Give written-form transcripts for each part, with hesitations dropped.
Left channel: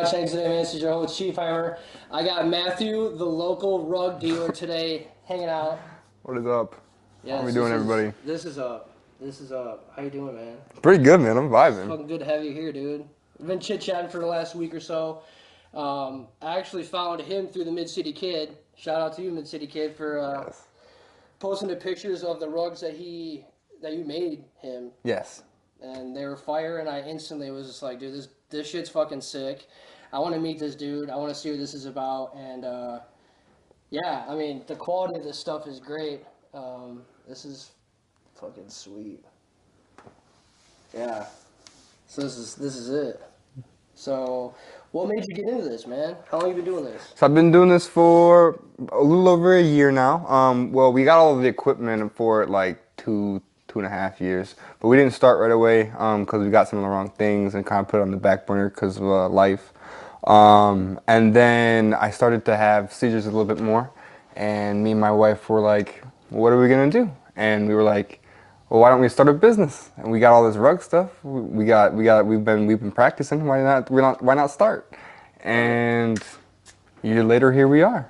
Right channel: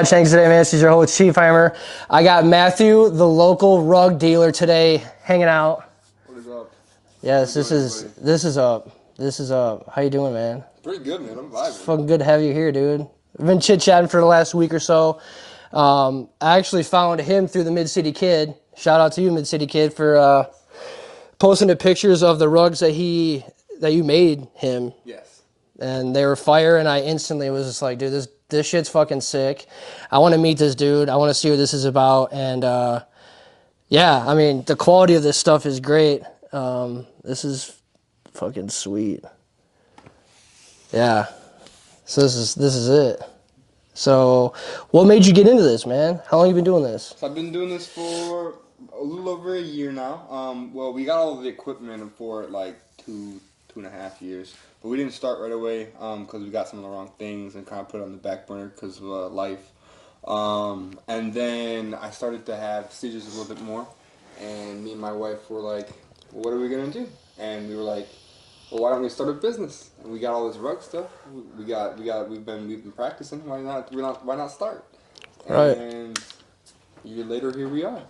Todd Shanks today, man. This is your host, Chief Heimer. I got Matthew, the local rug dealer, today, hanging out. What is up? How Yes, we doing, everybody? this is up. This is up. How you doing, man? Pretty good, man. I'm It's vibing. fucking good to have you here, dude. We've been chit-chatting for the last week or so. I actually found him through the Mid-City Kid. Shout out to you, Mid-City Kid, for posting the pictures of the rugs that you made him. Yes. And they were fire, and I instantly was just like, dude, this shit's fucking sick. I want to meet this dude. I want to see what this is about. And yeah, I mean, the quality of this stuff is great. This is fucking sweet. Yeah. So this is it. So what made you get into this, man? How long have you been doing this? So I've been doing this for a little over a year now. Well, we got all of the equipment for like two and a half years, but we didn't start right away because we got some of the wrong things and kind of put it on the back burner because of life. And then I started to have seizures a little bit more, and me and my wife were like, "What are we gonna do?" And we were like, "Well, why don't we start a business?" And we got all this rug stuff. We've been practicing. Why not start? And a year later, here we are.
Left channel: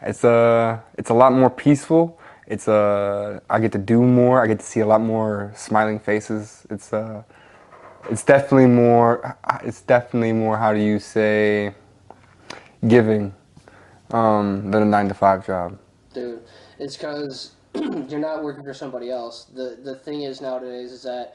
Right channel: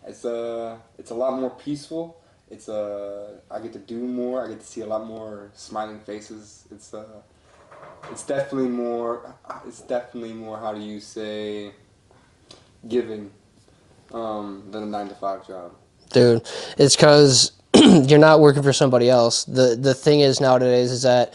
It's a lot more peaceful. I get to do more. I get to see a lot more smiling faces. It's definitely more. How do you say, giving, than a 9-to-5 job. Dude, it's because you're not working for somebody else. The thing is nowadays is that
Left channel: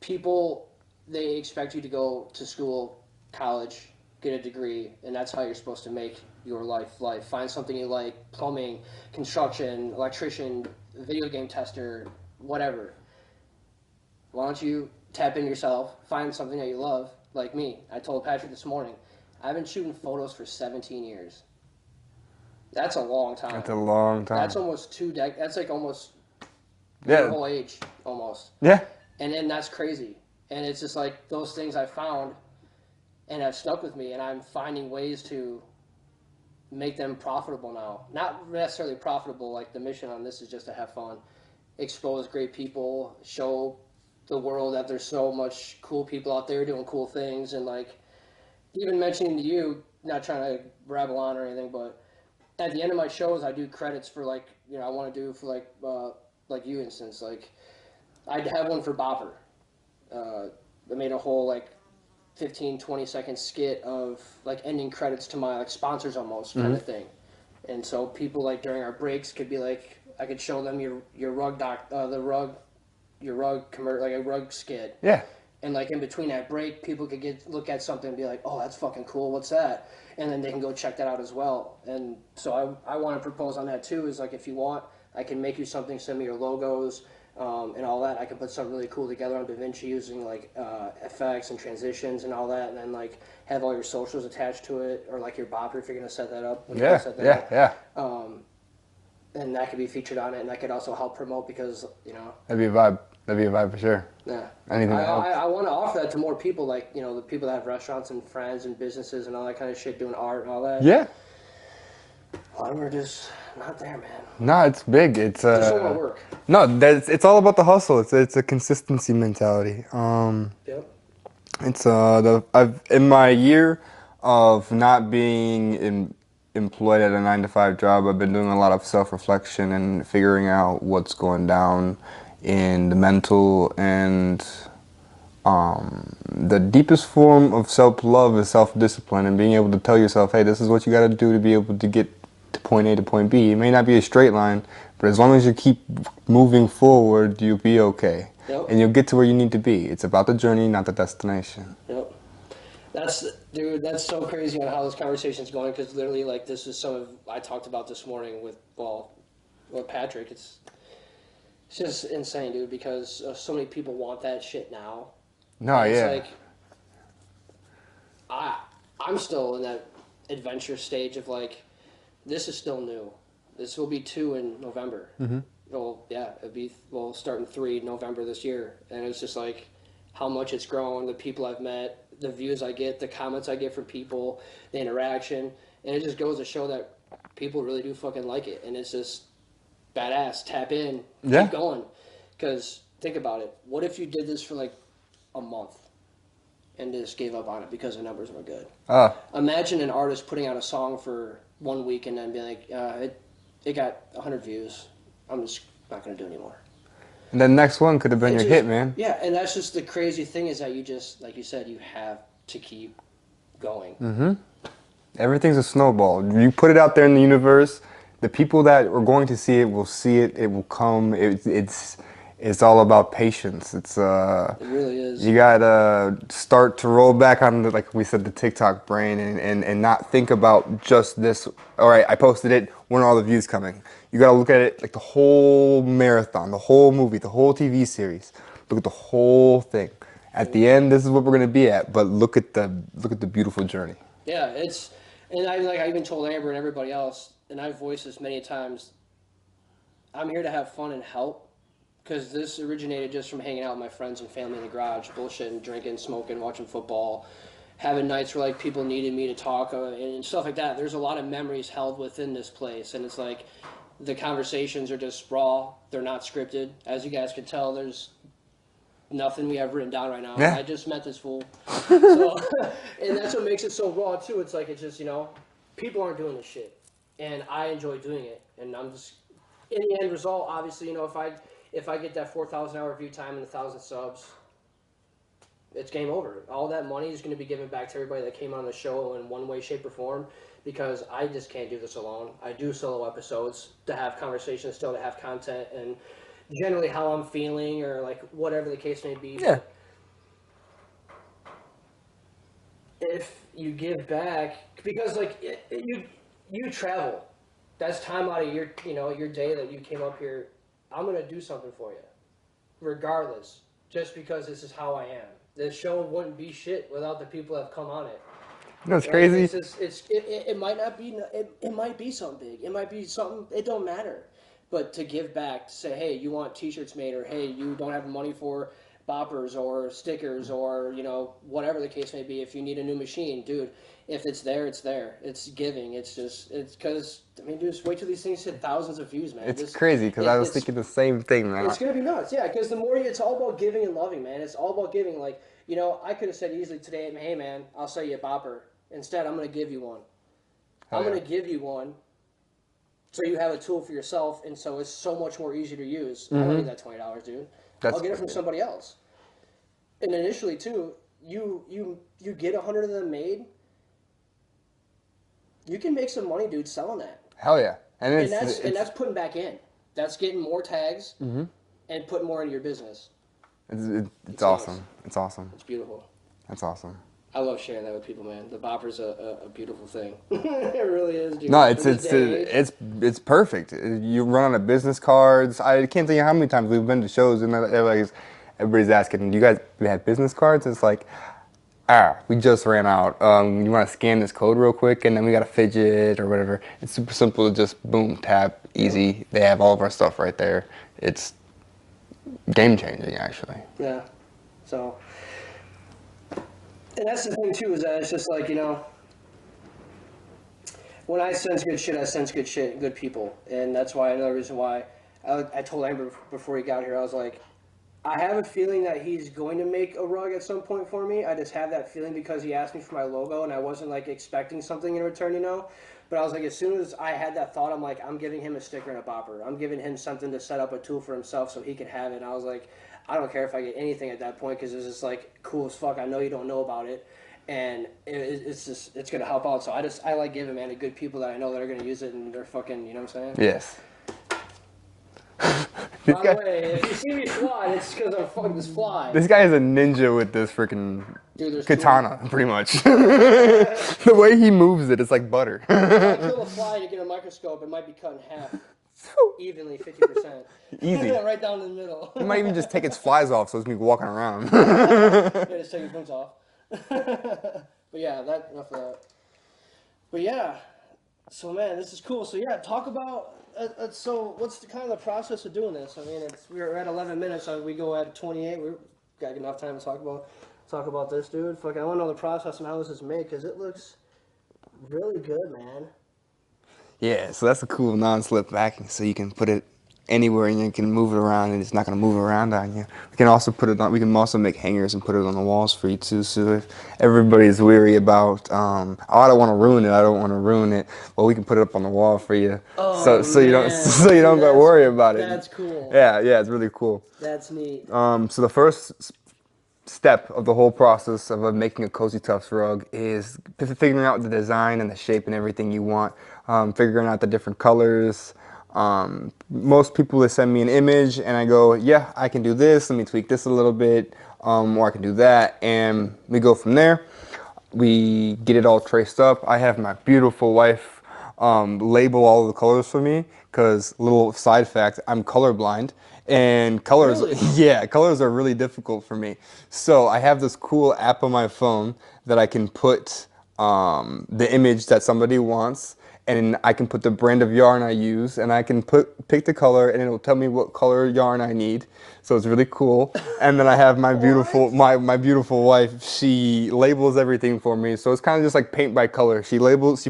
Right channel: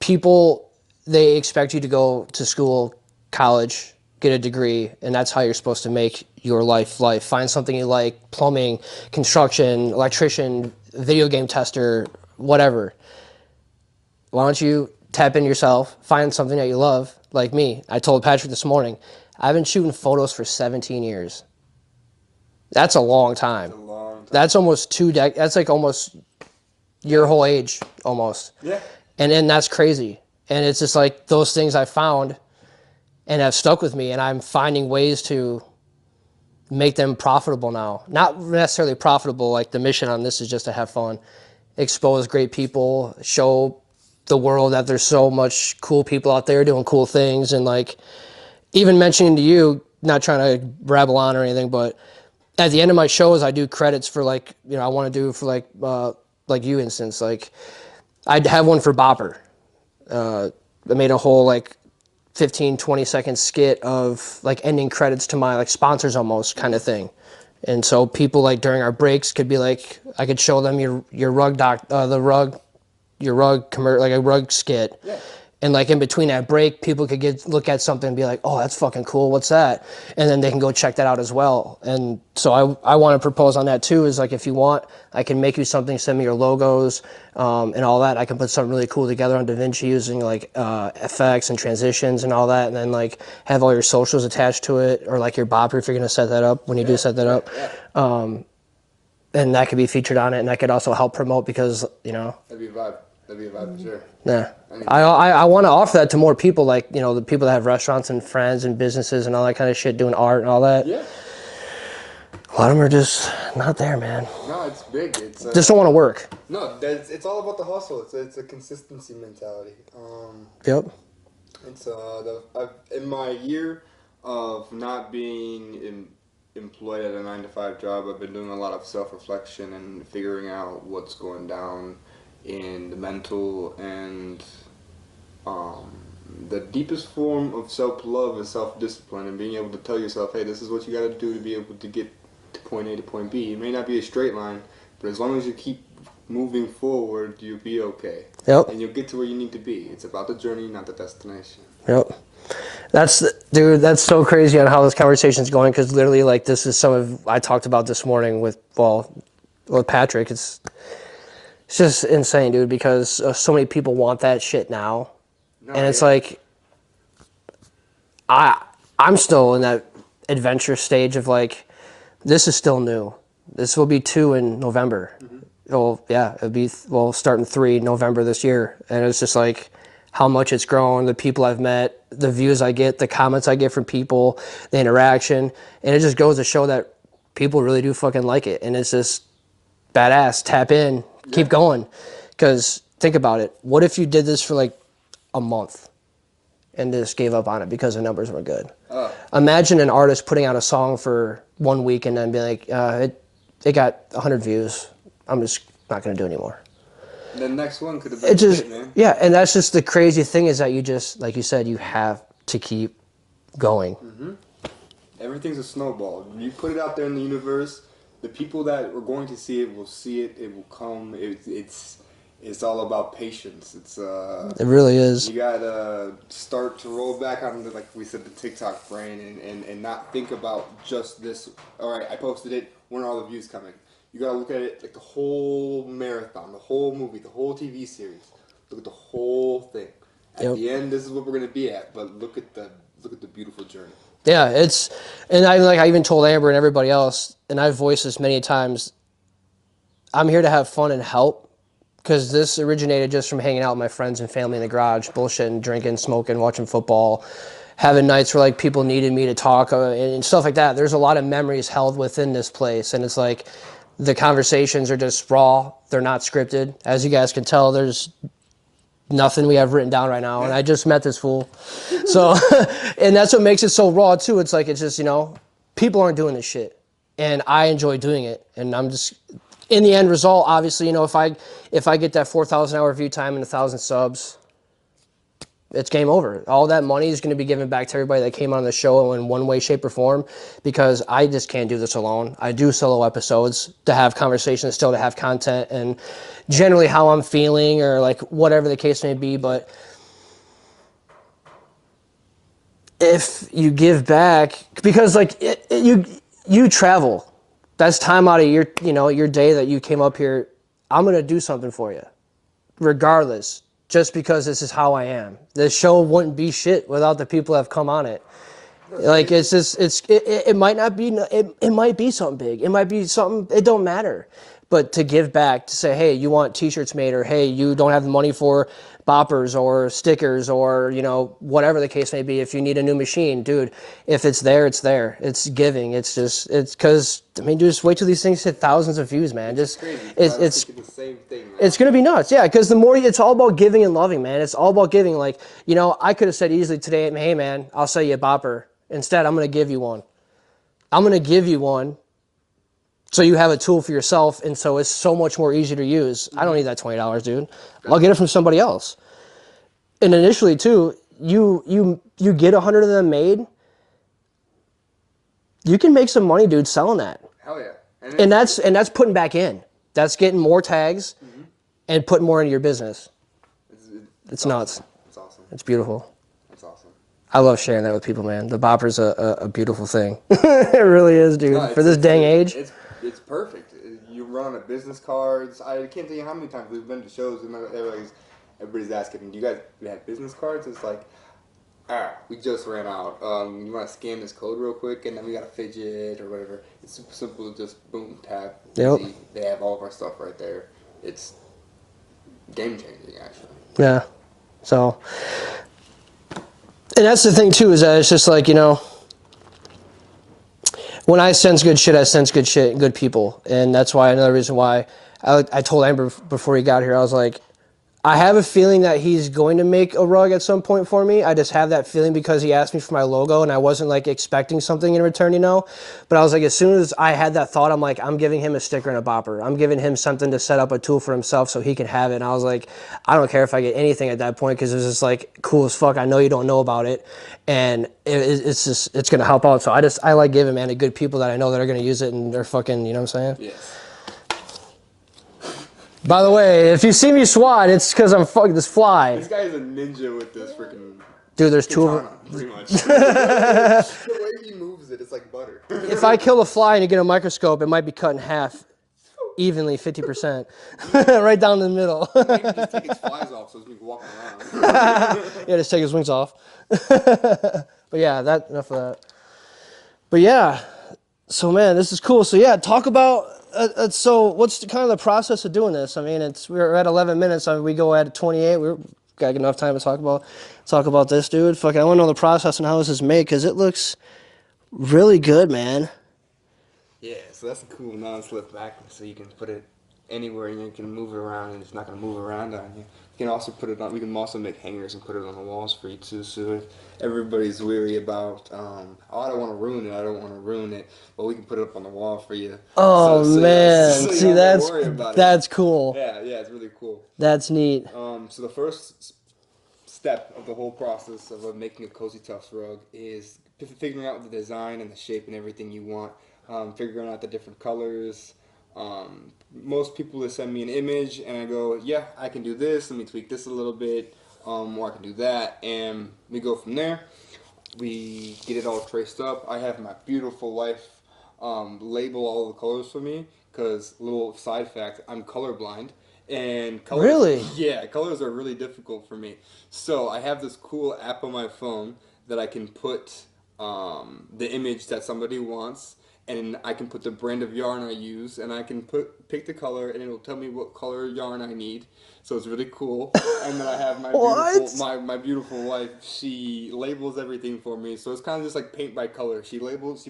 people, they expect you to go to school, college, get a degree, and that's how you're supposed to make your life. Find something you like, plumbing, construction, electrician, video game tester, whatever. Why don't you tap in yourself, find something that you love, like me. I told Patrick this morning, I've been shooting photos for 17 years. That's a long time. It's a long time. That's almost 2 decades. That's like almost your whole age, almost. Yeah. And then that's crazy. And it's just like those things I found and have stuck with me, and I'm finding ways to make them profitable now. Not necessarily profitable, like the mission on this is just to have fun, expose great people, show the world that there's so much cool people out there doing cool things, and like even mentioning to you, not trying to rabble on or anything, but at the end of my shows, I do credits for like, I want to do for like you instance, like I'd have one for Bopper. I made a whole like 15, 20-second skit of like ending credits to my like sponsors almost kind of thing. And so people like during our breaks could be like, I could show them your rug like a rug skit. Yeah. And like in between that break, people could look at something and be like, oh, that's fucking cool. What's that? And then they can go check that out as well. And so I want to propose on that too, is like, if you want, I can make you something, send me your logos and all that. I can put something really cool together on DaVinci using like effects and transitions and all that. And then like have all your socials attached to it, or like your bopper if you're going to set that up when you do set that up. Yeah. And that could be featured on it. And that could also help promote because, That'd be a vibe. That'd be a vibe for sure. Yeah. I want to offer that to more people, like, the people that have restaurants and friends and businesses and all that kind of shit, doing art and all that. Yeah. A lot of them are just not there, man. No, it's big. It's just don't want to work. No, it's all about the hustle. It's a consistency mentality. Yep. It's I've in my year of not being employed at a 9-to-5 job, I've been doing a lot of self-reflection and figuring out what's going down in the mental, and the deepest form of self-love is self-discipline, and being able to tell yourself, hey, this is what you got to do to be able to get to point A to point B. It may not be a straight line, but as long as you keep moving forward, you'll be okay. Yep. And you'll get to where you need to be. It's about the journey, not the destination. Yep. Dude, that's so crazy on how this conversation's going, because literally, like, this is I talked about this morning with Patrick. It's just insane, dude, because so many people want that shit now. And it's like, I'm still in that adventure stage of like, this is still new. This will be 2 in November. Well, yeah, it'll be, starting 3 November this year. And it's just like how much it's grown, the people I've met, the views I get, the comments I get from people, the interaction. And it just goes to show that people really do fucking like it. And it's just badass. Tap in, keep going. Because think about it. What if you did this for like a month and just gave up on it because the numbers weren't good. Ah. Imagine an artist putting out a song for 1 week and then be like, it got 100 views. I'm just not going to do it anymore. The next one could have been your hit, man. Yeah, and that's just the crazy thing is that you just, like you said, you have to keep going. Mm-hmm. Everything's a snowball. You put it out there in the universe, the people that are going to see it will see it. It will come. It's all about patience. It really is. You gotta start to roll back on the, like we said, the TikTok brain, and not think about just this. All right, I posted it. When are all the views coming? You gotta look at it like the whole marathon, the whole movie, the whole TV series. Look at the whole thing. At the end, this is what we're gonna be at. But look at the beautiful journey. Yeah, and I even told Amber and everybody else, and I've voiced this many times. I'm here to have fun and help, because this originated just from hanging out with my friends and family in the garage, bullshitting, drinking, smoking, watching football, having nights where like people needed me to talk and stuff like that. There's a lot of memories held within this place, and it's like the conversations are just raw. They're not scripted. As you guys can tell, there's nothing we have written down right now, and I just met this fool. So, and that's what makes it so raw too. It's like, it's just, people aren't doing this shit, and I enjoy doing it, and I'm just, in the end result, obviously, if I get that 4,000 hour view time and 1,000 subs, it's game over. All that money is going to be given back to everybody that came on the show in one way, shape, or form, because I just can't do this alone. I do solo episodes to have conversations, still to have content, and generally how I'm feeling or like whatever the case may be. Yeah. But if you give back, because like you travel, that's time out of your day that you came up here. I'm going to do something for you regardless, just because this is how I am. This show wouldn't be shit without the people that have come on it. That's like crazy. It's just it might not be it might be something big. It might be something, it don't matter. But to give back, to say, hey, you want t-shirts made, or hey, you don't have the money for boppers or stickers, or whatever the case may be. If you need a new machine, dude, if it's there, it's there. It's giving. It's because just wait till these things hit thousands of views, man. It's crazy, because I was thinking the same thing, man. It's gonna be nuts, yeah. Because the more it's all about giving and loving, man. It's all about giving. Like, I could have said easily today, hey, man, I'll sell you a bopper. Instead, I'm gonna give you one. I'm gonna give you one. So you have a tool for yourself, and so it's so much more easy to use. I don't need that $20, dude. I'll get it from somebody else. And initially, too, you get 100 of them made, you can make some money, dude, selling that. Hell yeah. And that's putting back in. That's getting more tags and putting more into your business. It's awesome. Nuts. It's awesome. It's beautiful. That's awesome. I love sharing that with people, man. The bopper's a beautiful thing. It really is, dude. For this dang age. It's perfect. You run out of business cards. I can't tell you how many times we've been to shows and everybody's asking, do you guys have business cards? It's like, we just ran out. You want to scan this code real quick, and then we got a fidget or whatever. It's super simple. Just boom, tap, easy. Yep. They have all of our stuff right there. It's game changing, actually. Yeah. So... And that's the thing, too, is that it's just like, when I sense good shit, I sense good shit and good people. And that's why, another reason why I told Amber before he got here, I was like, I have a feeling that he's going to make a rug at some point for me. I just have that feeling because he asked me for my logo, and I wasn't like expecting something in return, But I was like, as soon as I had that thought, I'm like, I'm giving him a sticker and a bopper. I'm giving him something to set up a tool for himself so he can have it. And I was like, I don't care if I get anything at that point, because it was just like cool as fuck. I know you don't know about it, and it's gonna help out. So I like giving, man, to good people that I know that are gonna use it, and they're fucking, you know what I'm saying? Yes. By the way, if you see me swat, it's because I'm fucking this fly. This guy is a ninja with this freaking katana, pretty much. The way he moves it, it's like butter. If I kill a fly and you get a microscope, it might be cut in half, evenly, 50%. Easy. Right down the middle. You might even just take its flies off so it's me walking around. Yeah, just take his wings off. But yeah, enough of that. But yeah, so man, this is cool. So yeah, talk about... so what's kind of the process of doing this? I mean, we're at 11 minutes. We go at 28. We've got enough time to talk about this, dude. Fuck, I want to know the process and how this is made, because it looks really good, man. Yeah, so that's a cool non-slip backing, so you can put it anywhere, and you can move it around, and it's not gonna move around on you. We can also put it on. We can also make hangers and put it on the walls for you too. So if everybody's weary about, oh, I don't want to ruin it. I don't want to ruin it. Well, we can put it up on the wall for you. Oh So you don't man, so you see don't gotta worry about it. that's cool. Yeah, it's really cool. That's neat. So the first step of the whole process of making a Cozy Tuffs rug is figuring out the design and the shape and everything you want, figuring out the different colors. Most people, they send me an image and I go, yeah, I can do this, let me tweak this a little bit, or I can do that, and we go from there. We get it all traced up. I have my beautiful wife label all the colors for me, because, little side fact, I'm colorblind. And colors, Really? yeah, colors are really difficult for me. So I have this cool app on my phone that I can put the image that somebody wants, and I can put the brand of yarn I use, and I can pick the color, and it'll tell me what color yarn I need. So it's really cool. And then I have my beautiful my beautiful wife. She labels everything for me. So it's kind of just like paint by color. She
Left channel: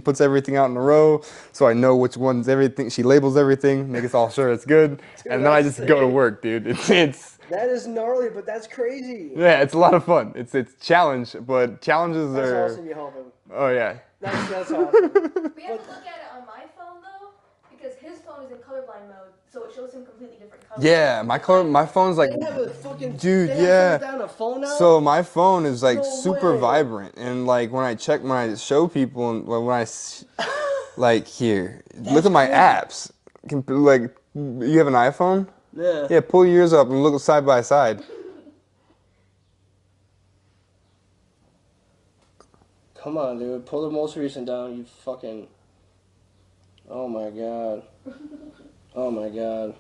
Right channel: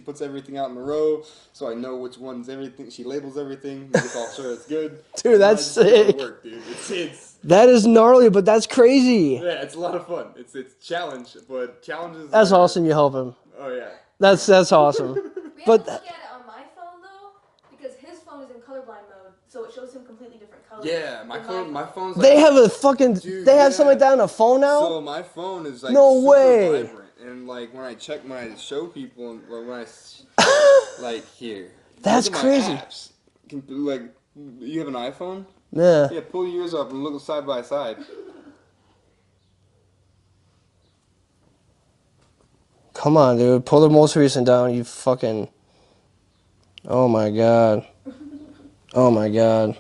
puts everything out in a row, so I know which one's everything. She labels everything, makes all sure it's good. Dude, and then I that's just go to sick. work, dude. It's That is gnarly, but that's crazy. yeah, it's a lot of fun. It's challenge, but challenges That's are, awesome. You help him. Oh yeah. That's awesome. We have But to look at it on my phone though, because his phone is in colorblind mode, so it shows him completely different colors. Yeah, my phone's like, they have a fucking. dude, they have something yeah. like that on a phone now. So my phone is like No super way. vibrant, and like when I show people, and like here, That's look at my crazy. apps. Like, you have an iPhone? Yeah. Yeah, pull yours up and look side by side. Come on, dude. Pull the most recent down. You fucking. Oh my god. Oh my god.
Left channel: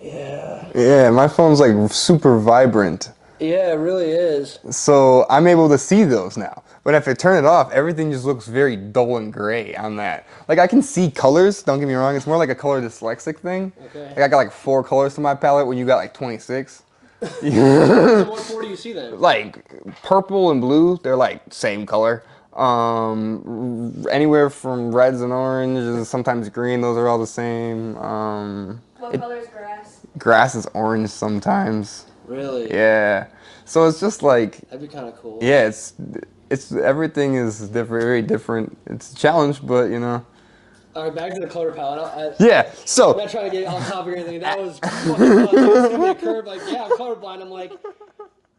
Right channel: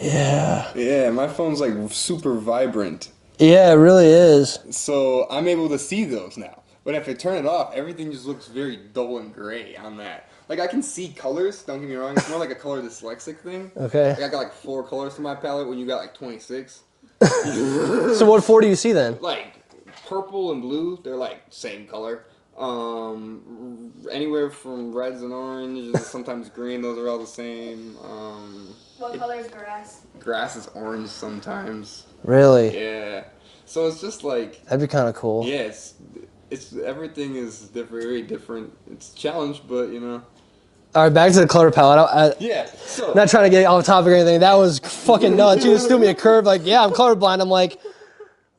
Yeah. Yeah, my phone's like super vibrant. Yeah, it really is. So I'm able to see those now. But if I turn it off, everything just looks very dull and gray on that. Like, I can see colors, don't get me wrong. It's more like a color dyslexic thing. Okay. Like, I got like 4 colors to my palette when you got like 26. So what 4 do you see then? Like, purple and blue, they're like same color. Anywhere from reds and oranges and sometimes green, those are all the same. What color is grass? Grass is orange sometimes. Really? Yeah. So it's just like, That'd be kind of cool. yeah, it's everything is different, very different. It's a challenge, but you know. All right, back to the color palette. Yeah. So Not trying to get off topic or anything. That was fucking nuts. You just threw me a curve. Like, yeah, I'm colorblind. I'm like,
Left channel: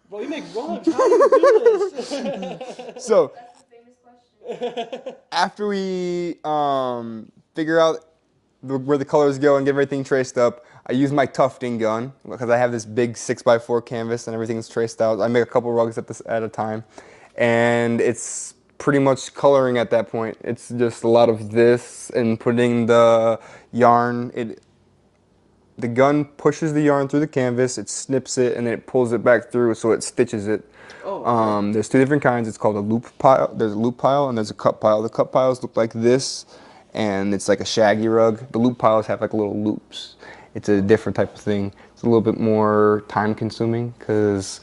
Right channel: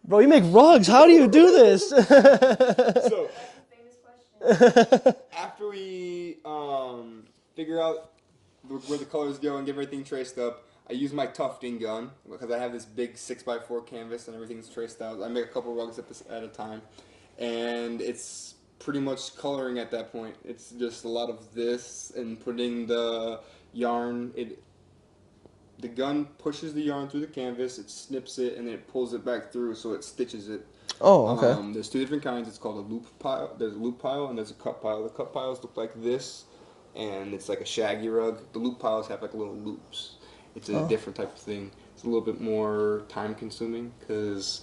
bro, you make rugs. How do you do this? so That's a famous question. after we figure out where the colors go and get everything traced up, I use my tufting gun because I have this big 6x4 canvas and everything's traced out. I make a couple rugs at a time, and it's pretty much coloring at that point. It's just a lot of this and putting the yarn. The gun pushes the yarn through the canvas, it snips it, and then it pulls it back through, so it stitches it. Oh, okay. There's 2 different kinds. It's called a loop pile. There's a loop pile and there's a cut pile. The cut piles look like this, and it's like a shaggy rug. The loop piles have like little loops. It's a different type of thing. It's a little bit more time consuming, because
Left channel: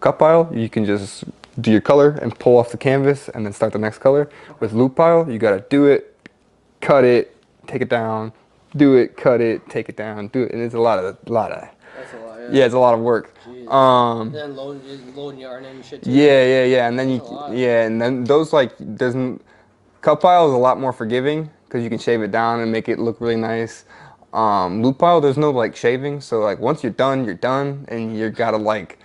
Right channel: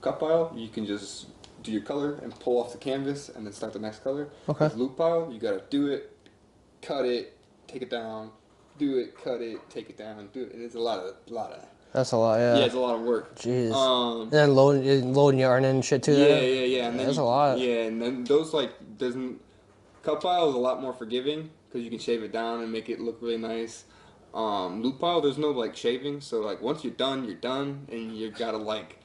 cut pile, you can just do your color and pull off the canvas and then start the next color. Okay. With loop pile, you gotta do it, cut it, take it down, do it, cut it, take it down, do it, and it's a lot of. That's a lot, yeah. Yeah, it's a lot of work. Jeez. Um, And then loading yarn and shit too. yeah, and then That's a lot. yeah, and then those like cut pile is a lot more forgiving because you can shave it down and make it look really nice. Loop pile, there's no like shaving, so like once you're done, and you gotta like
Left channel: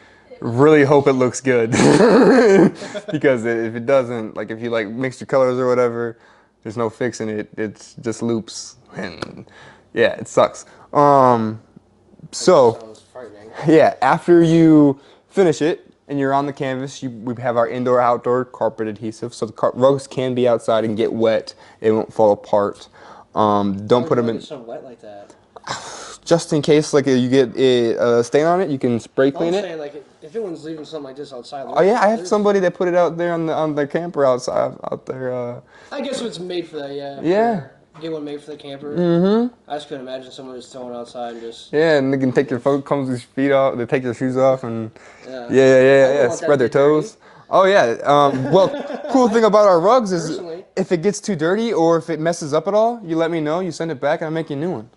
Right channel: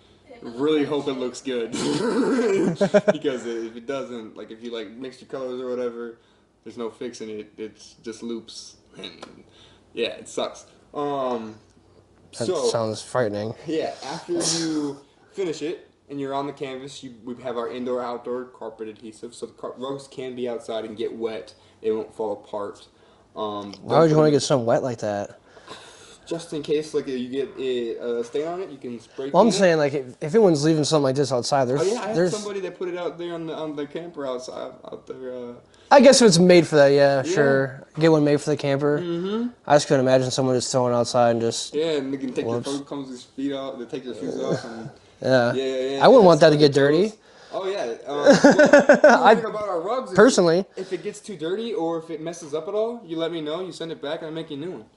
really hope it looks good because if it doesn't, like if you like mix your colors or whatever, there's no fixing it. It's just loops, and yeah, it sucks. So Sounds frightening. yeah, after you finish it and you're on the canvas, we have our indoor-outdoor carpet adhesive, so the rugs can be outside and get wet. It won't fall apart. Why Don't would put you them want to in, get something wet like that? just in case, like you get a stain on it, you can spray Well, clean I'm it. saying, like, if anyone's leaving something like this outside, Oh yeah, I have there's- somebody that put it out there on the camper outside out there. I guess if it's made for that, yeah, Yeah. sure. Get one made for the camper. Mm-hmm. I just couldn't imagine someone just throwing it outside and just. Yeah, and they can take their feet off. They take their shoes off and Yeah. yeah. I wouldn't want that to spread their get dirty. toes. Oh yeah. Well, cool thing about our rugs is personally, if it gets too dirty or if it messes up at all, you let me know. You send it back, and I make you a new one.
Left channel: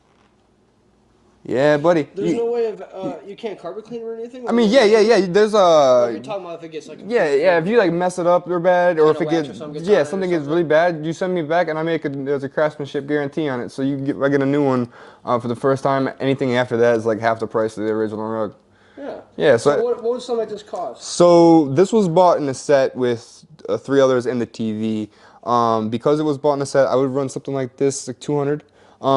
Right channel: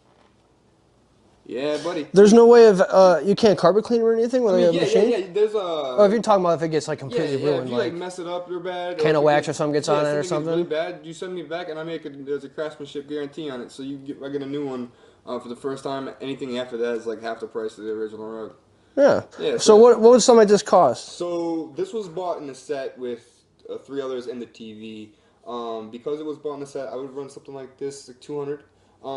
Yeah, buddy. there's no way of you can't carpet clean or anything. I mean, yeah. There's Oh, if you're talking about if it gets like completely yeah. If ruined, you like mess it up real bad, or can if of it wax gets or something gets on it or something gets something? really bad, you send me back, and there's a craftsmanship guarantee on it. So I get a new one for the first time. Anything after that is like half the price of the original rug. Yeah. Yeah. So what would something like this cost? So this was bought in a set with 3 others and the TV. Because it was bought in a set, I would run something like this, like 200.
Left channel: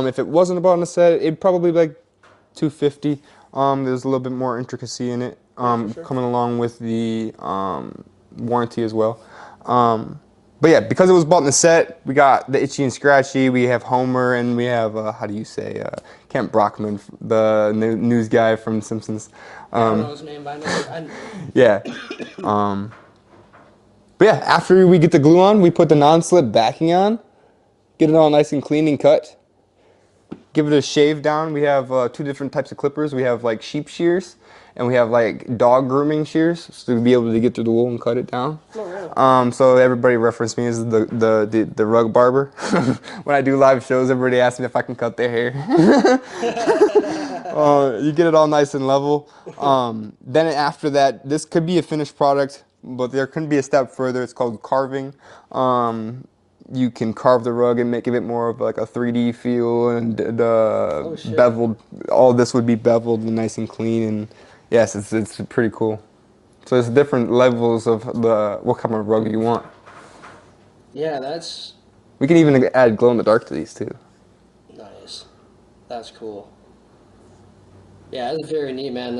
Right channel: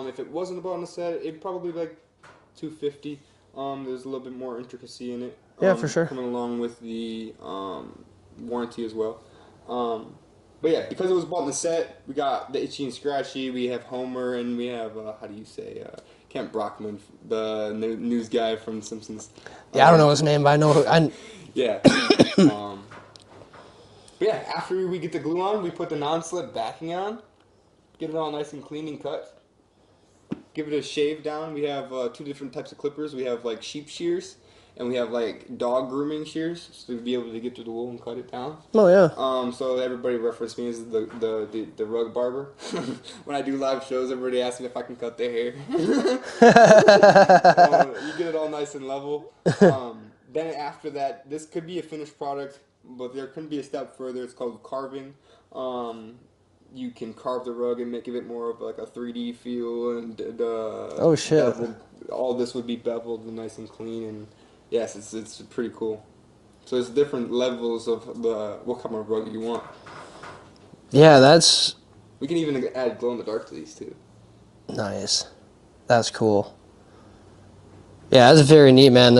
If it wasn't bought in a set, it'd probably be like 250. There's a little bit more intricacy in it. Yeah, for sure. Coming along with the warranty as well. But yeah, because it was bought in the set, we got the Itchy and Scratchy, we have Homer, and we have, how do you say, Kent Brockman, the news guy from Simpsons. Yeah, I don't know his name, but I know. Yeah. But yeah, after we get the glue on, we put the non-slip backing on, get it all nice and clean and cut. Give it a shave down. We have 2 different types of clippers. We have like sheep shears, and we have like dog grooming shears, so to be able to get through the wool and cut it down. Oh yeah. So everybody reference me as the rug barber. When I do live shows, everybody asks me if I can cut their hair. You get it all nice and level. Then after that, this could be a finished product, but there can be a step further. It's called carving. You can carve the rug and give it more of like a 3D feel, and beveled. All this would be beveled and nice and clean, and yes, it's pretty cool. So there's different levels of what kind of rug you want. Yeah, that's We can even add glow in the dark to these too. nice. That's cool. Yeah, that's very neat, man.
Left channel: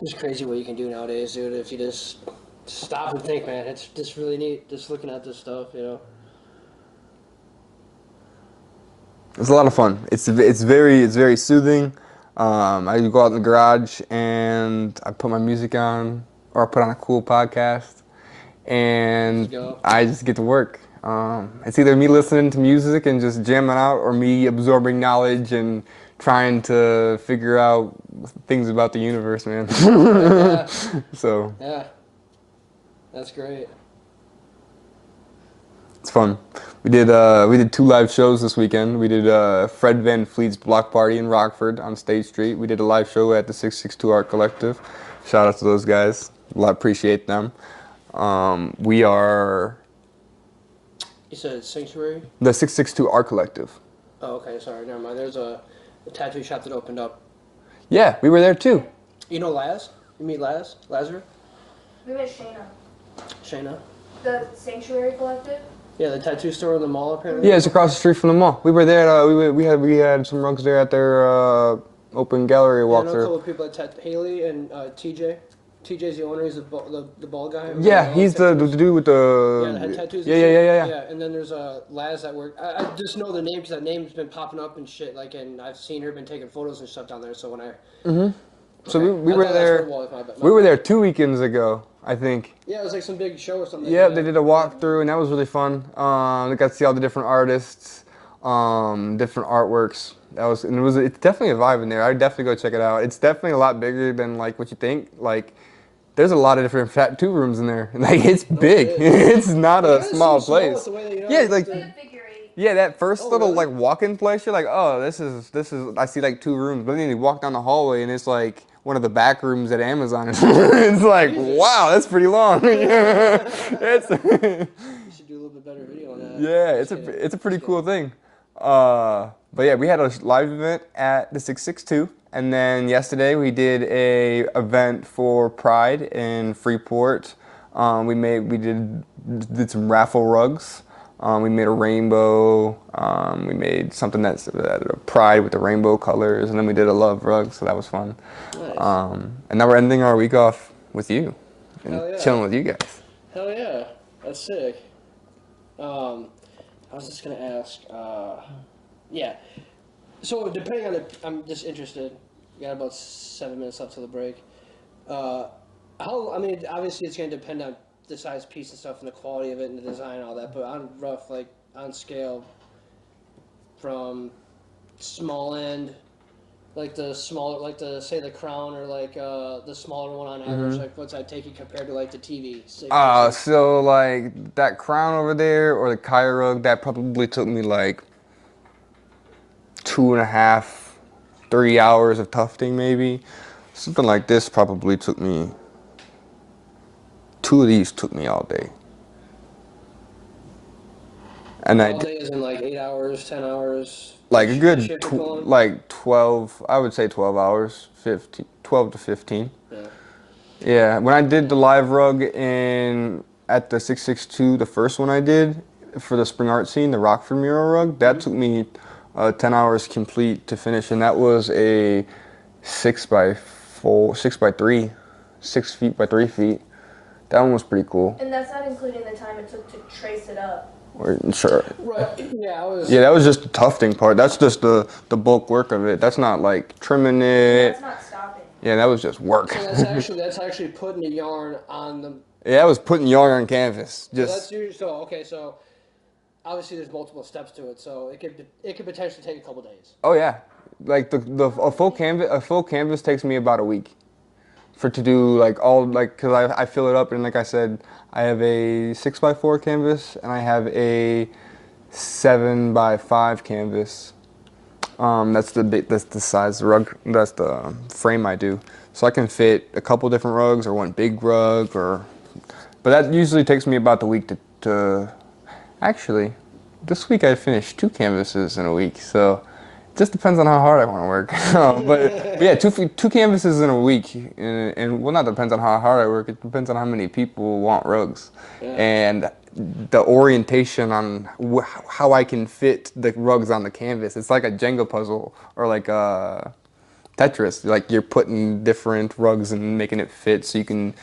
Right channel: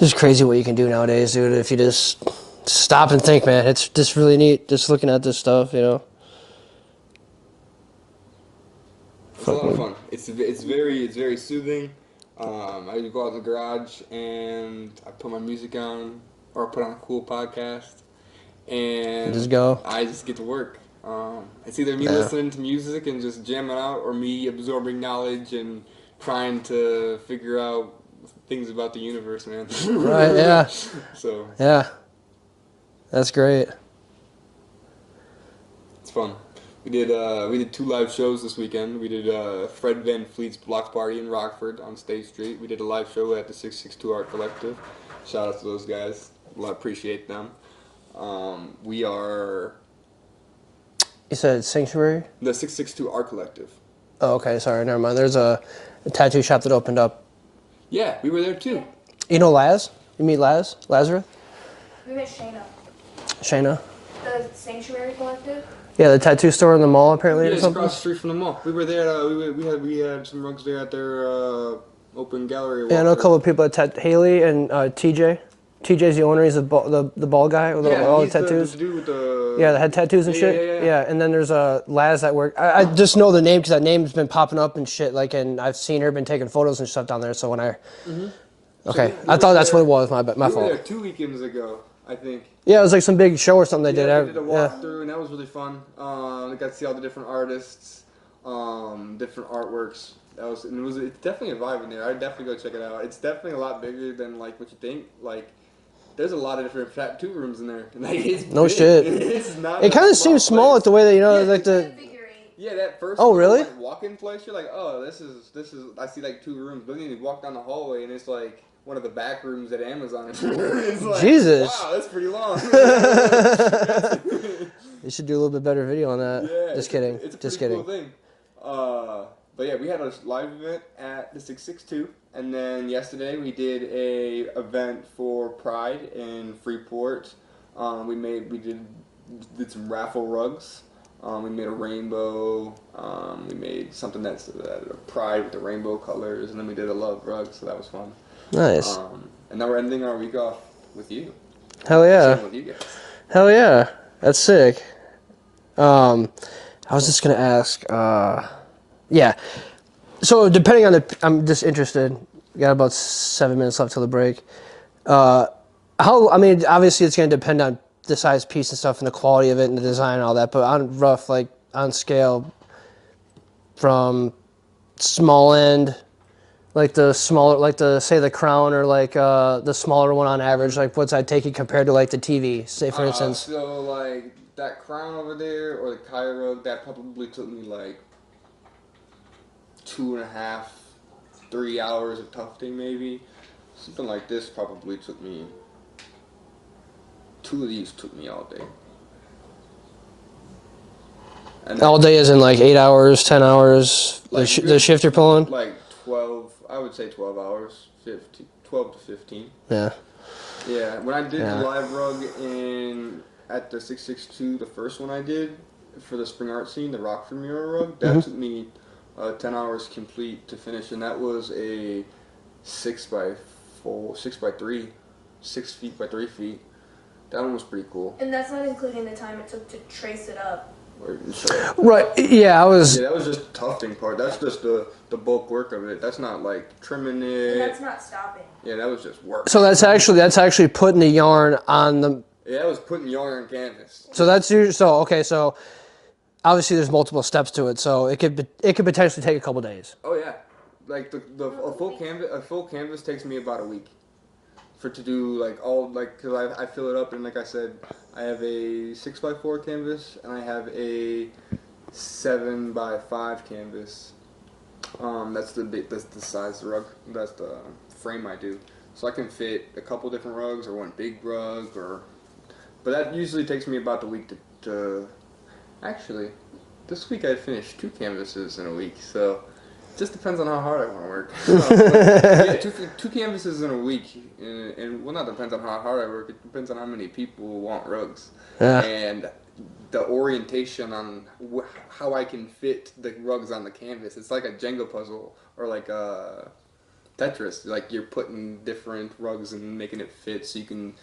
It's crazy what you can do nowadays, dude. If you just stop and think, man, it's just really neat. Just looking at this stuff, you know. It's a lot of fun. It's very soothing. I go out in the garage and I put my music on, or I put on a cool podcast, and Just go. I just get to work. It's either me listening to music and just jamming out, or me absorbing knowledge and trying to figure out things about the universe, man. Yeah. So Yeah. That's great. it's fun. We did 2 live shows this weekend. We did Fred Van Fleet's Block Party in Rockford on State Street. We did a live show at the 662 Art Collective. Shout out to those guys. Appreciate them. We are You said Sanctuary? the 662 Art Collective. Oh, okay. Sorry, never mind. There's a tattoo shop that opened up. Yeah, we were there too. You know Laz? You meet Laz? Lazarus? We met Shayna, Shayna? the Sanctuary Collective. Yeah, the tattoo store in the mall, apparently. Yeah, or it's something? across the street from the mall. We were there. We had some rugs there at their open gallery walkthrough. Yeah, I know a couple of people at Haley and TJ. TJ's the owner. He's the bald guy. With Yeah, all he's the tattoos. dude with the... Yeah, the head tattoos and yeah, shit. Yeah. And then there's Laz that work. I just know the name because that name's been popping up and shit. Like, and I've seen her been taking photos and stuff down there. So when I, okay, So we I were thought that's there- what it was. My We were fault. there 2 weekends ago, I think. Yeah, it was like some big show or something. Yeah, they did a walkthrough, and that was really fun. I got to see all the different artists, different artworks. It's definitely a vibe in there. I'd definitely go check it out. It's definitely a lot bigger than like what you think. Like, there's a lot of different tattoo rooms in there. Like, it's No big. shit. It's not. It kind of seems small, like the way that Yeah, like like the. Figure 8. Yeah, that first Oh, little really? like walk-in place, you're like, oh, this is. I see like 2 rooms, but then you walk down the hallway and it's like one of the back rooms at Amazon. It's like, Jesus. wow, that's pretty long. You should do a little bit better video on that. Yeah, Just kidding. it's a Just pretty cool kidding. thing. But yeah, we had a live event at the 662, and then yesterday we did a event for Pride in Freeport. We did some raffle rugs. We made a rainbow. We made something that's a Pride with the rainbow colors, and then we did a love rug, so that was fun. Nice. And now we're ending our week off with you. Hell yeah. Chilling with you guys. Hell yeah. That's sick. I was just gonna ask. Yeah. So depending on I'm just interested. We got about 7 minutes left till the break. I mean, obviously it's gonna depend on the size piece and stuff and the quality of it and the design and all that. But on rough, like on scale, from small end Like the smaller, like the say the Crown or like the smaller one on average. Like what's that take you compared to like the TV? Say for instance. So like that crown over there or the Kaya rug, that probably took me like 2.5, 3 hours of tufting maybe. Something like this probably took me, two of these took me all day. And All then day is in like 8 hours, 10 hours. like The shift you're pulling. like 12, I would say 12 hours, 15, 12 to 15. Yeah. Yeah, when I did the Yeah. live rug at the 662, the first one I did for the spring art scene, the Rockford mural rug, that took me 10 hours complete to finish, and that was a 6x3, 6 feet by 3 feet. That one was pretty cool. And that's not including the time it took to trace it up. Sure. Right. Yeah, I was. Yeah, that was just the tufting part. That's just the bulk work of it. That's not like trimming it. That's not stopping. Yeah, that was just work. So that's actually putting the yarn on the. Yeah, that was putting yarn on canvas. So that's usually so okay. So obviously there's multiple steps to it. So it could potentially take a couple days. Oh yeah, like a full canvas takes me about a week, to do like all like because I fill it up and like I said I have a 6x4 canvas and I have a 7x5 canvas. That's the size of the rug. That's the frame I do. So I can fit a couple different rugs or one big rug but that usually takes me about the week to actually. This week I finished 2 canvases in a week, so it just depends on how hard I want to work. But yeah, two canvases in a week, and well, not depends on how hard I work. It depends on how many people want rugs, and the orientation on how I can fit the rugs on the canvas. It's like a Jenga puzzle or like a Tetris. Like you're putting different rugs and making it fit so you can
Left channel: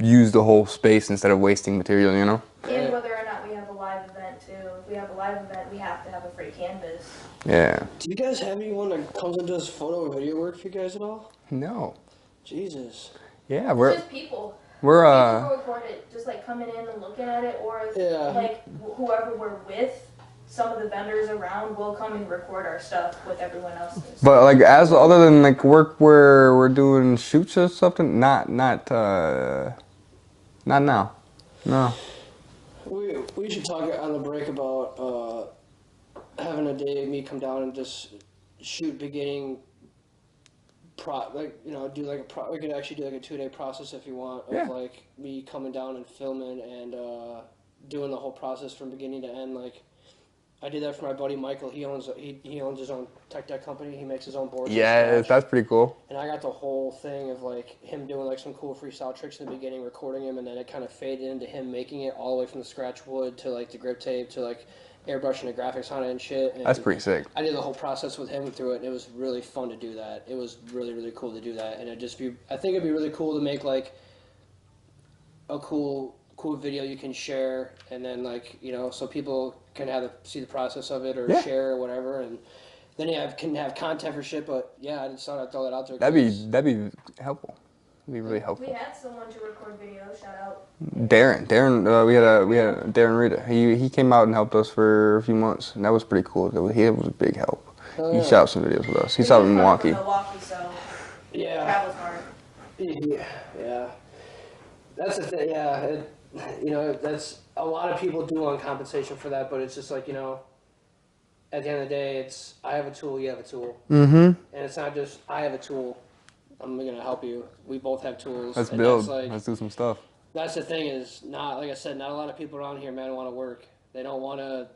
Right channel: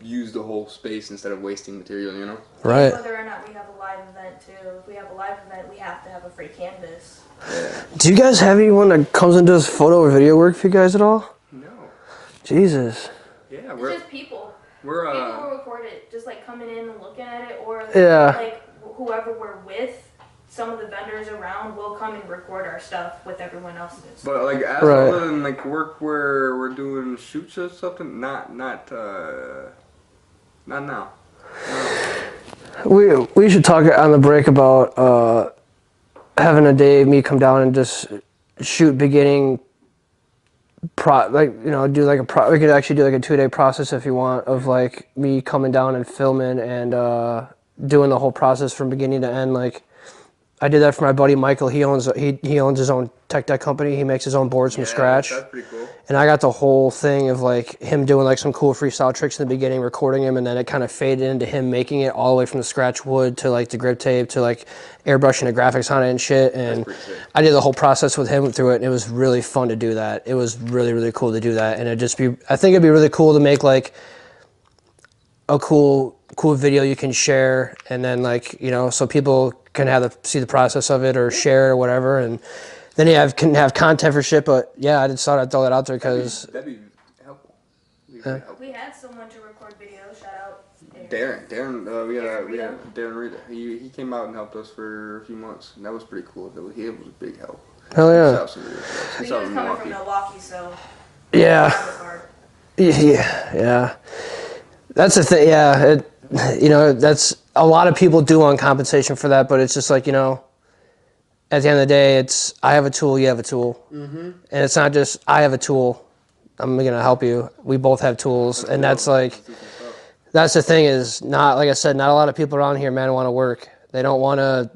use the whole space instead of wasting material. You know. Right. And whether or not we have a live event too. If we have a live event, we have to have a free canvas. Yeah. Do you guys have anyone that comes and does photo or video work for you guys at all? No. Jesus. Yeah, It's just people. we're People who record it, just like coming in and looking at it, or Yeah. like whoever we're with. Some of the vendors around will come and record our stuff with everyone else's. But like Right. other than like work where we're doing shoots or something, not now. No. We should talk on the break about having a day me come down and just shoot beginning do like we could actually do like a 2-day process if you want of like me coming down and filming and doing the whole process from beginning to end. Like I did that for my buddy Michael. He owns his own tech deck company. He makes his own boards from scratch. That's pretty cool. And I got the whole thing of like him doing like some cool freestyle tricks in the beginning, recording him, and then it kind of faded into him making it all the way from the scratch wood to like the grip tape to like airbrushing the graphics on it and shit. And That's pretty sick. I did the whole process with him through it, and it was really fun to do that. It was really, really cool to do that. And I think it'd be really cool to make like a cool video you can share, and then like, so people can see the process of it or share it or whatever, and then you can have content for shit. But yeah, I just thought I'd throw that out there because That'd be helpful. That'd be really helpful. We had someone to record video. Shout out. Darren, we had Darren Rita. He came out and helped us for a few months, and that was pretty cool. He was a big help. Hell yeah. He shot some videos for us. He's He out was in coming Milwaukee. from Milwaukee, so yeah. that was hard. Yeah. That's the thing. Yeah, that's a lot of people do want compensation for that, but it's just like, at the end of the day, it's I have a tool, you have a tool, and it's not just I have a tool, I'm gonna help you. We both have tools, and that's like Let's do some stuff. that's the thing is not like I said, not a lot of people around here, man, want to work. They don't wanna.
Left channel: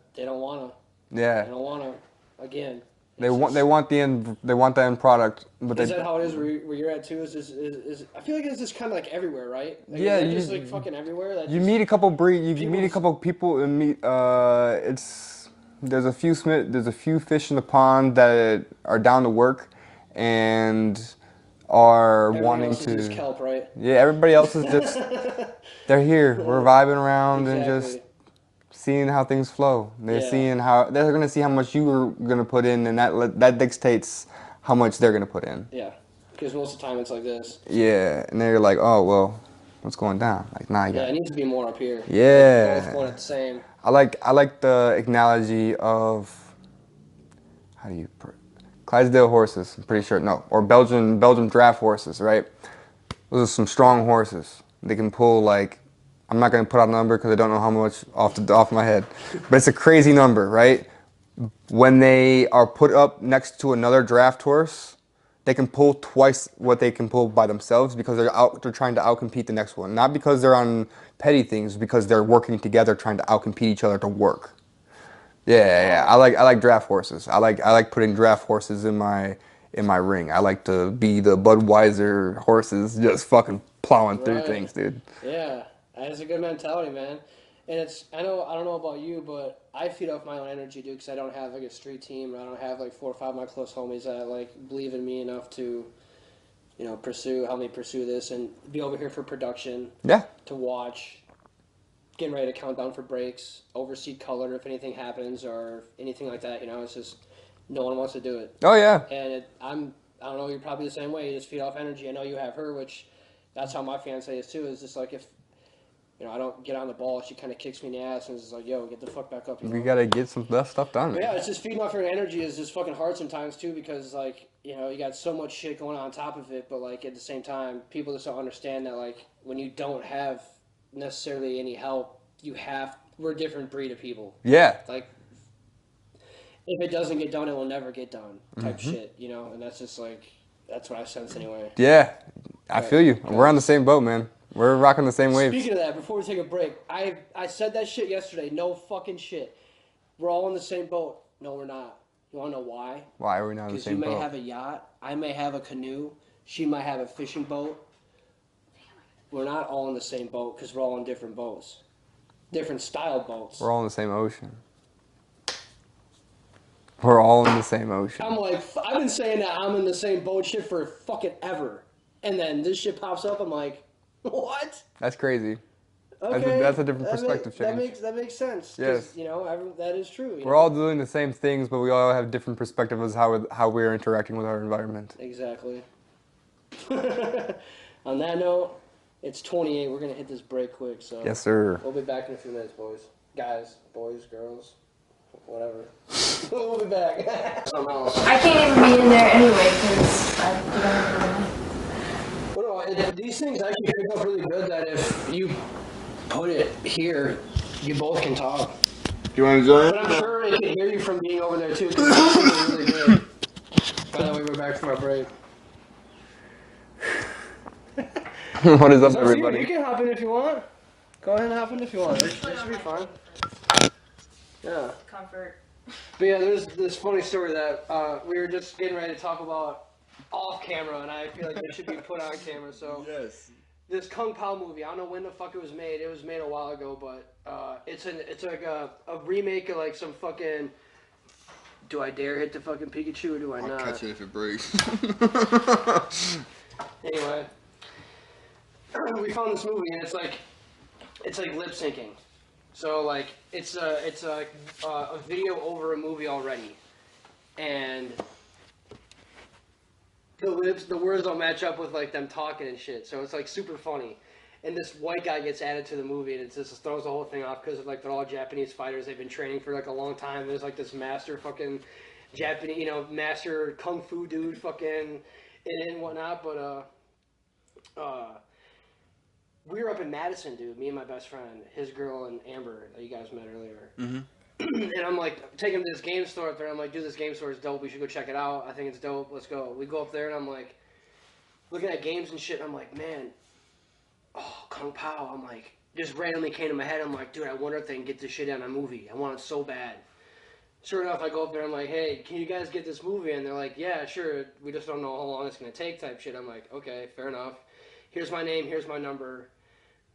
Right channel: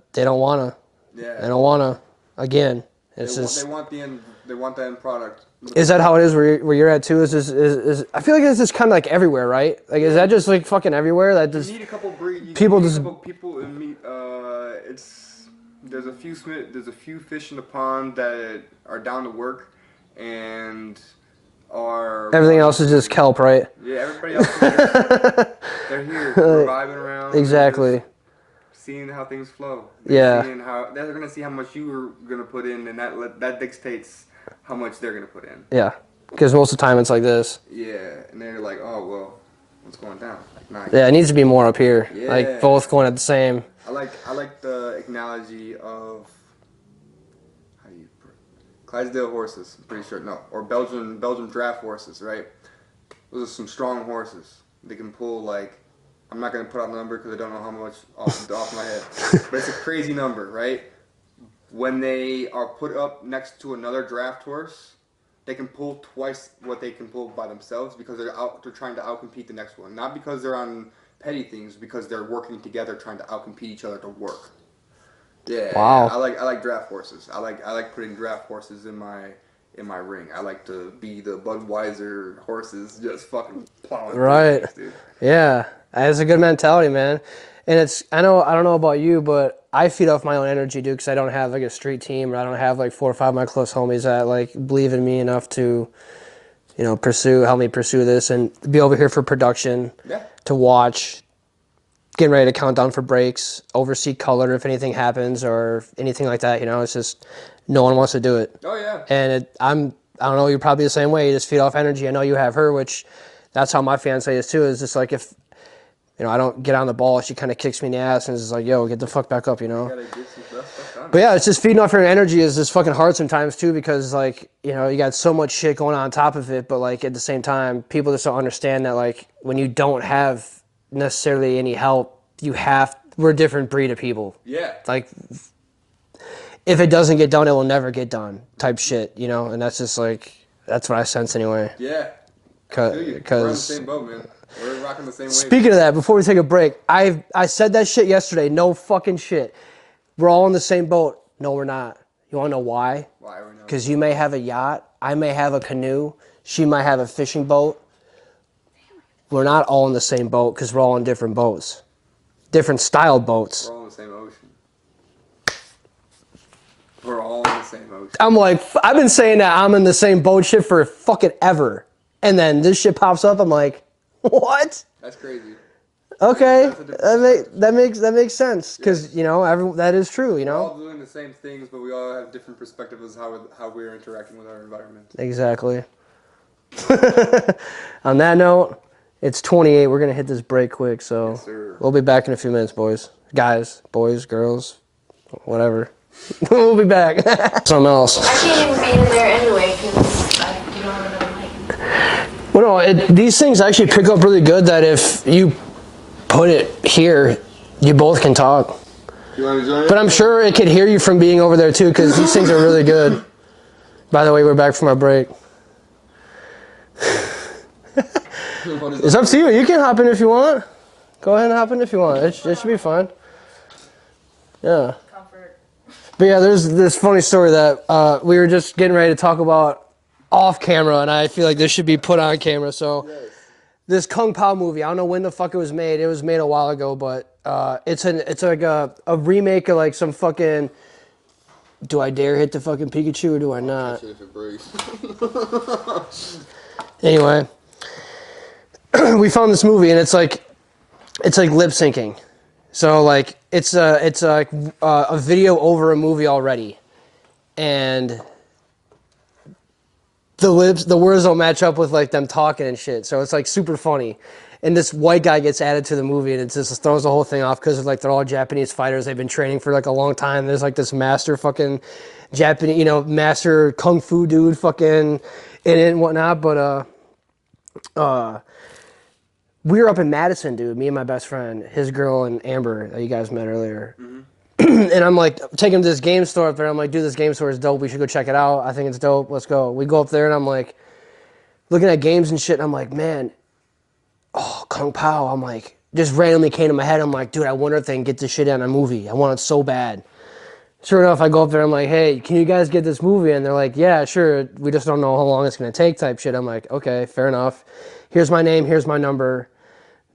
Yeah. They don't wanna. Again. They want the end product. But Is that how it is where you're at too? Is I feel like it's just kind of like everywhere, right? Like is that just like fucking everywhere? That You just meet a couple a couple people and meet. There's a few fish in the pond that are down to work, and are everything wanting else is just kelp, right? Yeah, everybody else is just they're here, we're vibing around. Exactly. And just seeing how things flow. They're Yeah. they're gonna see how much you are gonna put in, and that dictates how much they're gonna put in. Yeah, because most of the time it's like this. Yeah, and they're like, oh well, what's going down? Like, nah. Yeah, it needs to be more up here. Yeah. Like both going at the same. I like the analogy of Clydesdale horses, I'm pretty sure. No, or Belgian draft horses, right? Those are some strong horses. They can pull like, I'm not gonna put out a number because I don't know how much off my head, but it's a crazy number, right? When they are put up next to another draft horse, they can pull twice what they can pull by themselves because they're trying to outcompete the next one. Not because they're on petty things, because they're working together trying to outcompete each other to work. Yeah, Wow. I like draft horses. I like putting draft horses in my ring. I like to be the Budweiser horses just fucking plowing through Right. things, dude. Yeah, that's a good mentality, man. And I don't know about you, but I feed off my own energy, dude, because I don't have like a street team, or I don't have like 4 or 5 of my close homies that like believe in me enough to, help me pursue this and be over here for production. Yeah. To watch, getting ready to count down for breaks, oversee color if anything happens or anything like that. It's just no one wants to do it. Oh yeah. And I don't know, you're probably the same way. You just feed off energy. I know you have her, which that's how my fiance is too. Is just like if I don't get on the ball, she kind of kicks me in the ass and is like, "Yo, get the fuck back up," You gotta get some best stuff done. But yeah, it's just feeding off her energy is just fucking hard sometimes too, because like, you got so much shit going on top of it, but like at the same time, people just don't understand that like when you don't have necessarily any help, we're a different breed of people. Yeah. Like if it doesn't get done, it will never get done type shit, and that's just like, that's what I sense anyway. Yeah. I feel you. We're on the same boat, man. We're rocking the same wave. Speaking of that, before we take a break, I said that shit yesterday. No fucking shit. We're all in the same boat. No, we're not. You want to know why? Why are we not? Because you may have a yacht. I may have a canoe. She might have a fishing boat. We're not all in the same boat because we're all in different boats. Different style boats. We're all in the same ocean. We're all in the same ocean. I'm like, I've been saying that I'm in the same boat shit for fucking ever. And then this shit pops up. I'm like, what? That's crazy. Okay, That's a different perspective. that makes sense because Yes. that is true. We're all doing the same things, but we all have different perspectives of how we're interacting with our environment. Exactly. On that note, it's 28. We're gonna hit this break quick, so Yes, sir. We'll be back in a few minutes, boys, boys, girls, whatever. We'll be back. Something else. I can't even be in there anyway because you don't have no mic. Well, no, these things actually pick up really good. That if you put it here, you both can talk. You want to join? But I'm sure it could hear you from being over there too, because these things are really good. By the way, we're back from our break. What is It's up to you. You can hop in if you want. Go ahead and hop in if you want. It should be fine. Yeah. Comfort. But yeah, there's this funny story that we were just getting ready to talk about off camera, and I feel like this should be put on camera. So this Kung Pao movie, I don't know when the fuck it was made. It was made a while ago, but it's like a remake of like some fucking. Do I dare hit the fucking Pikachu or do I not? Catch it if it breaks. Anyway, we found this movie and it's like lip syncing. So like it's like a video over a movie already, and the words don't match up with like them talking and shit. So it's like super funny. And this white guy gets added to the movie, and it just throws the whole thing off because of like they're all Japanese fighters. They've been training for like a long time. There's like this master fucking Japanese, master kung fu dude fucking in it and whatnot. But we were up in Madison, dude. Me and my best friend, his girl and Amber that you guys met earlier. Mm-hmm. And I'm like taking him to this game store up there. I'm like, dude, this game store is dope. We should go check it out. I think it's dope. Let's go. We go up there, and I'm like looking at games and shit. And I'm like, man. Oh, Kung Pao. I'm like, just randomly came to my head. I'm like, dude, I wonder if they can get this shit in a movie. I want it so bad. Sure enough, I go up there. I'm like, hey, can you guys get this movie? And they're like, yeah, sure. We just don't know how long it's going to take type shit. I'm like, okay, fair enough. Here's my name. Here's my number.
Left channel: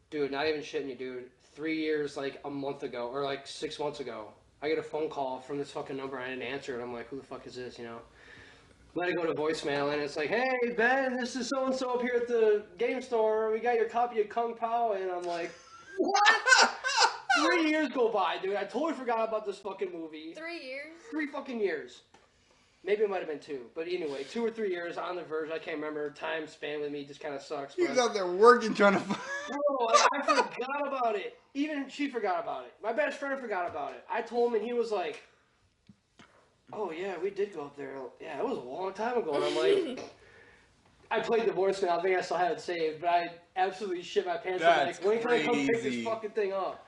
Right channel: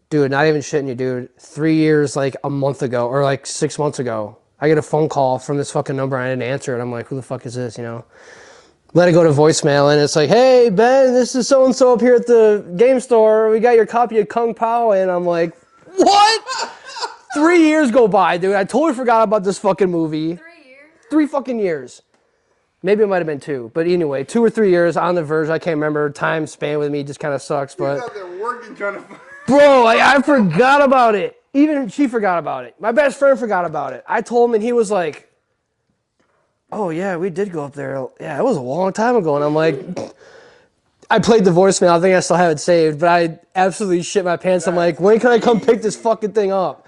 Dude, not even shitting you, dude. 3 years, like a month ago, or like 6 months ago, I get a phone call from this fucking number. I didn't answer it. I'm like, who the fuck is this, Let it go to voicemail, and it's like, hey, Ben, this is so-and-so up here at the game store. We got your copy of Kung Pao, and I'm like, what? 3 years go by, dude. I totally forgot about this fucking movie. 3 years? 3 fucking years. Maybe it might have been 2, but anyway, 2 or 3 years on the verge. I can't remember. Time span with me just kind of sucks, but... He's out there working, trying to... Bro, I forgot about it. Even she forgot about it. My best friend forgot about it. I told him, and he was like... oh yeah, we did go up there. Yeah, it was a long time ago. And I'm like, I played the voicemail. I think I still have it saved, but I absolutely shit my pants. I'm like, That's when can I come pick this crazy. fucking thing up?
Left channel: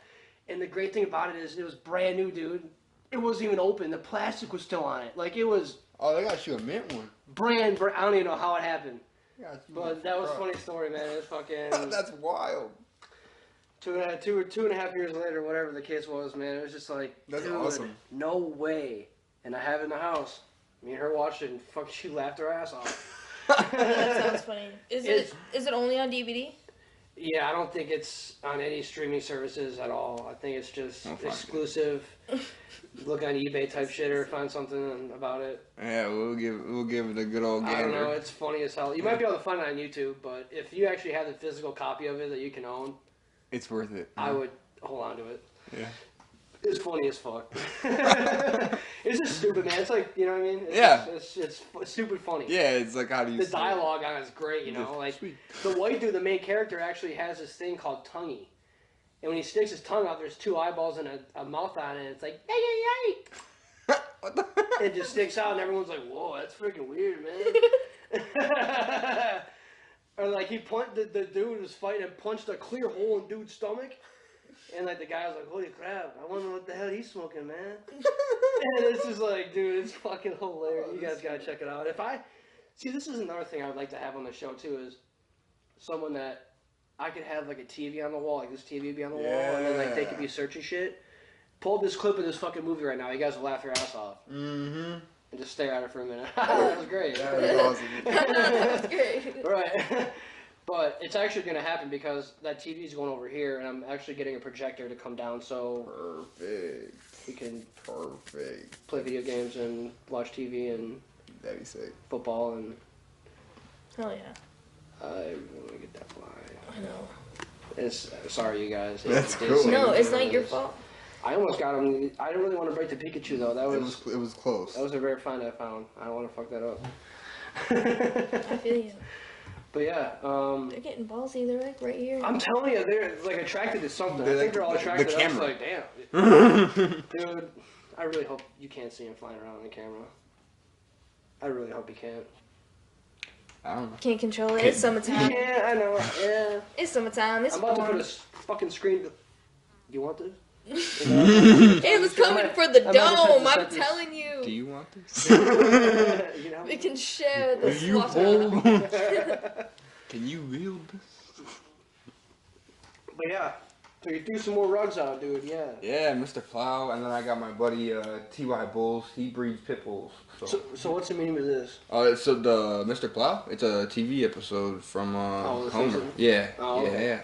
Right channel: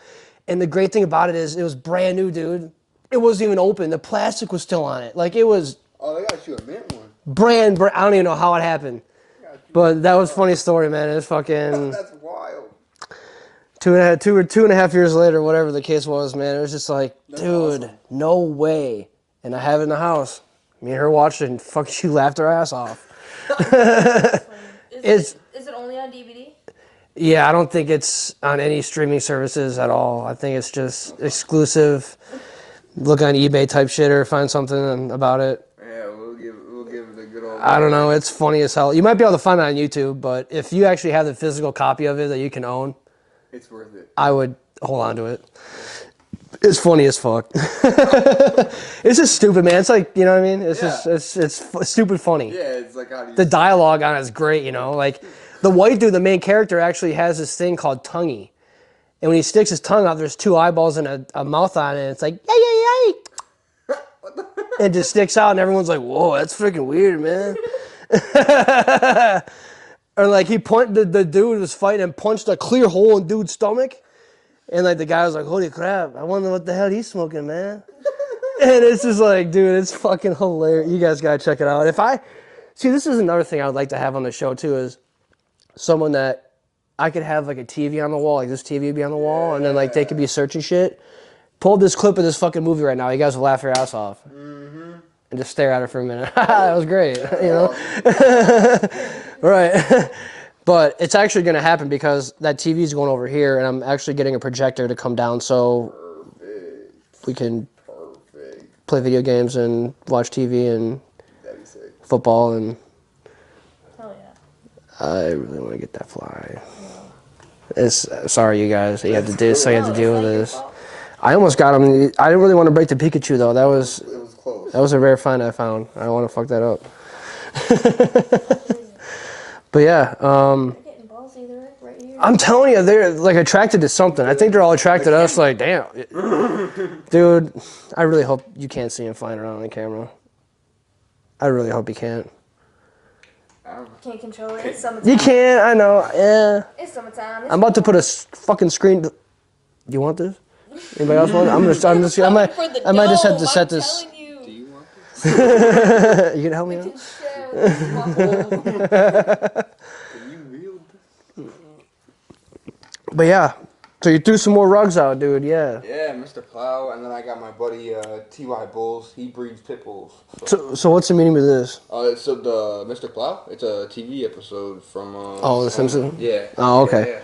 And the great thing about it is it was brand new, dude. It wasn't even open. The plastic was still on it. Like it was Oh, they got you a mint one. brand. I don't even know how it happened, but that was a funny story, man. It was fucking That's wild. 2.5 years later, whatever the case was, man. It was just like, That's dude, awesome. no way. And I have it in the house. Me and her watched it, and fuck, she laughed her ass off. That's funny. It's- Is it only on DVD? Yeah, I don't think it's on any streaming services at all. I think it's just exclusive. Look on eBay type shit or find something about it. Yeah, we'll give it a good old. I don't know. It's funny as hell. You might be able to find it on YouTube, but if you actually have the physical copy of it that you can own, It's worth it. I would hold on to it. It's funny as fuck. It's just stupid, man. It's like, you know what I mean? It's Yeah. just stupid funny. Yeah, it's like how do you? The dialogue on it is great, you know. Like the white dude, the main character, actually has this thing called tonguey, and when he sticks his tongue out, there's two eyeballs and a mouth on it. And it's like yay yay yay. It just sticks out, and everyone's like, "Whoa, that's freaking weird, man." Or like the dude was fighting and punched a clear hole in dude's stomach, and like the guy was like, "Holy crap! I wonder what the hell he's smoking, man." And it's just like, dude, it's fucking hilarious. You guys gotta check it out. This is another thing I would like to have on the show too, is someone that I could have like a TV on the wall, like this TV would be on the wall, and then like they could be searching shit. Pull this clip of this fucking movie right now. You guys will laugh your ass off. And just stare at it for a minute. That was great, you know? Right. But it's actually going to happen because that TV is going over here, and I'm actually getting a projector to come down so we can play video games and watch TV and That'd be sick. football, and Hell yeah. I really want to get that fly. It's sorry, you guys. You have to do. So you have No, to deal it's with not your this. fault. I almost got him. I didn't really want to break the Pikachu though. It was close. That was a rare find I found. I don't want to fuck that up. I feel you. But yeah, They're getting ballsy. They're like right here. I'm telling you, they're like attracted to something. I think they're all attracted to us. Like, damn, dude. I really hope you can't see him flying around on the camera. I really hope you can't. I don't know. Can't control it. It's summertime. You can't. I know. Yeah. It's summertime. It's I'm about to put a fucking screen. You want this? Anybody else want it? I might just have to set this. Telling you. Do you want this? You can help me We out? can share this possible. Can you wield this? But yeah, so you threw some more rugs out, dude. Yeah. Yeah, Mr. Plow, and then I got my buddy T.Y. Bulls. He breeds pit bulls. So what's the meaning of this? So the Mr. Plow, it's a TV episode from. Oh, The Simpsons? Yeah. Oh, okay. Yeah.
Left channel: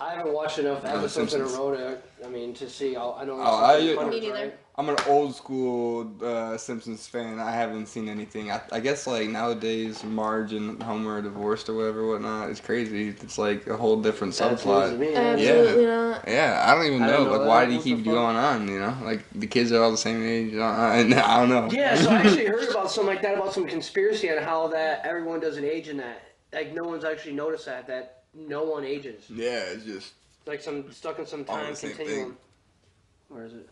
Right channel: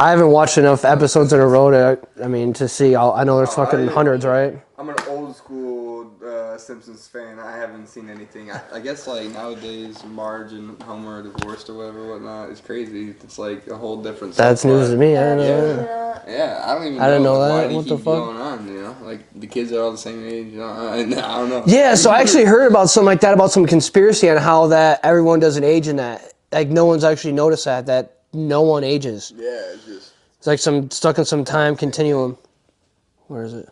I haven't watched enough episodes in a row to see. I know there's Oh, fucking I- hundreds, right? I'm an old school Simpsons fan. I haven't seen anything. I guess like nowadays, Marge and Homer are divorced or whatnot. It's crazy. It's like a whole different. That's subplot. news to me. Absolutely not. Yeah, I don't even know. I didn't know like, that. why do you What the keep fuck? going on? You know, like the kids are all the same age. I don't know. Yeah, so I actually heard about something like that, about some conspiracy on how that everyone doesn't age in that. Like no one's actually noticed that no one ages. Yeah, it's just It's like some stuck in some time continuum. Where is it?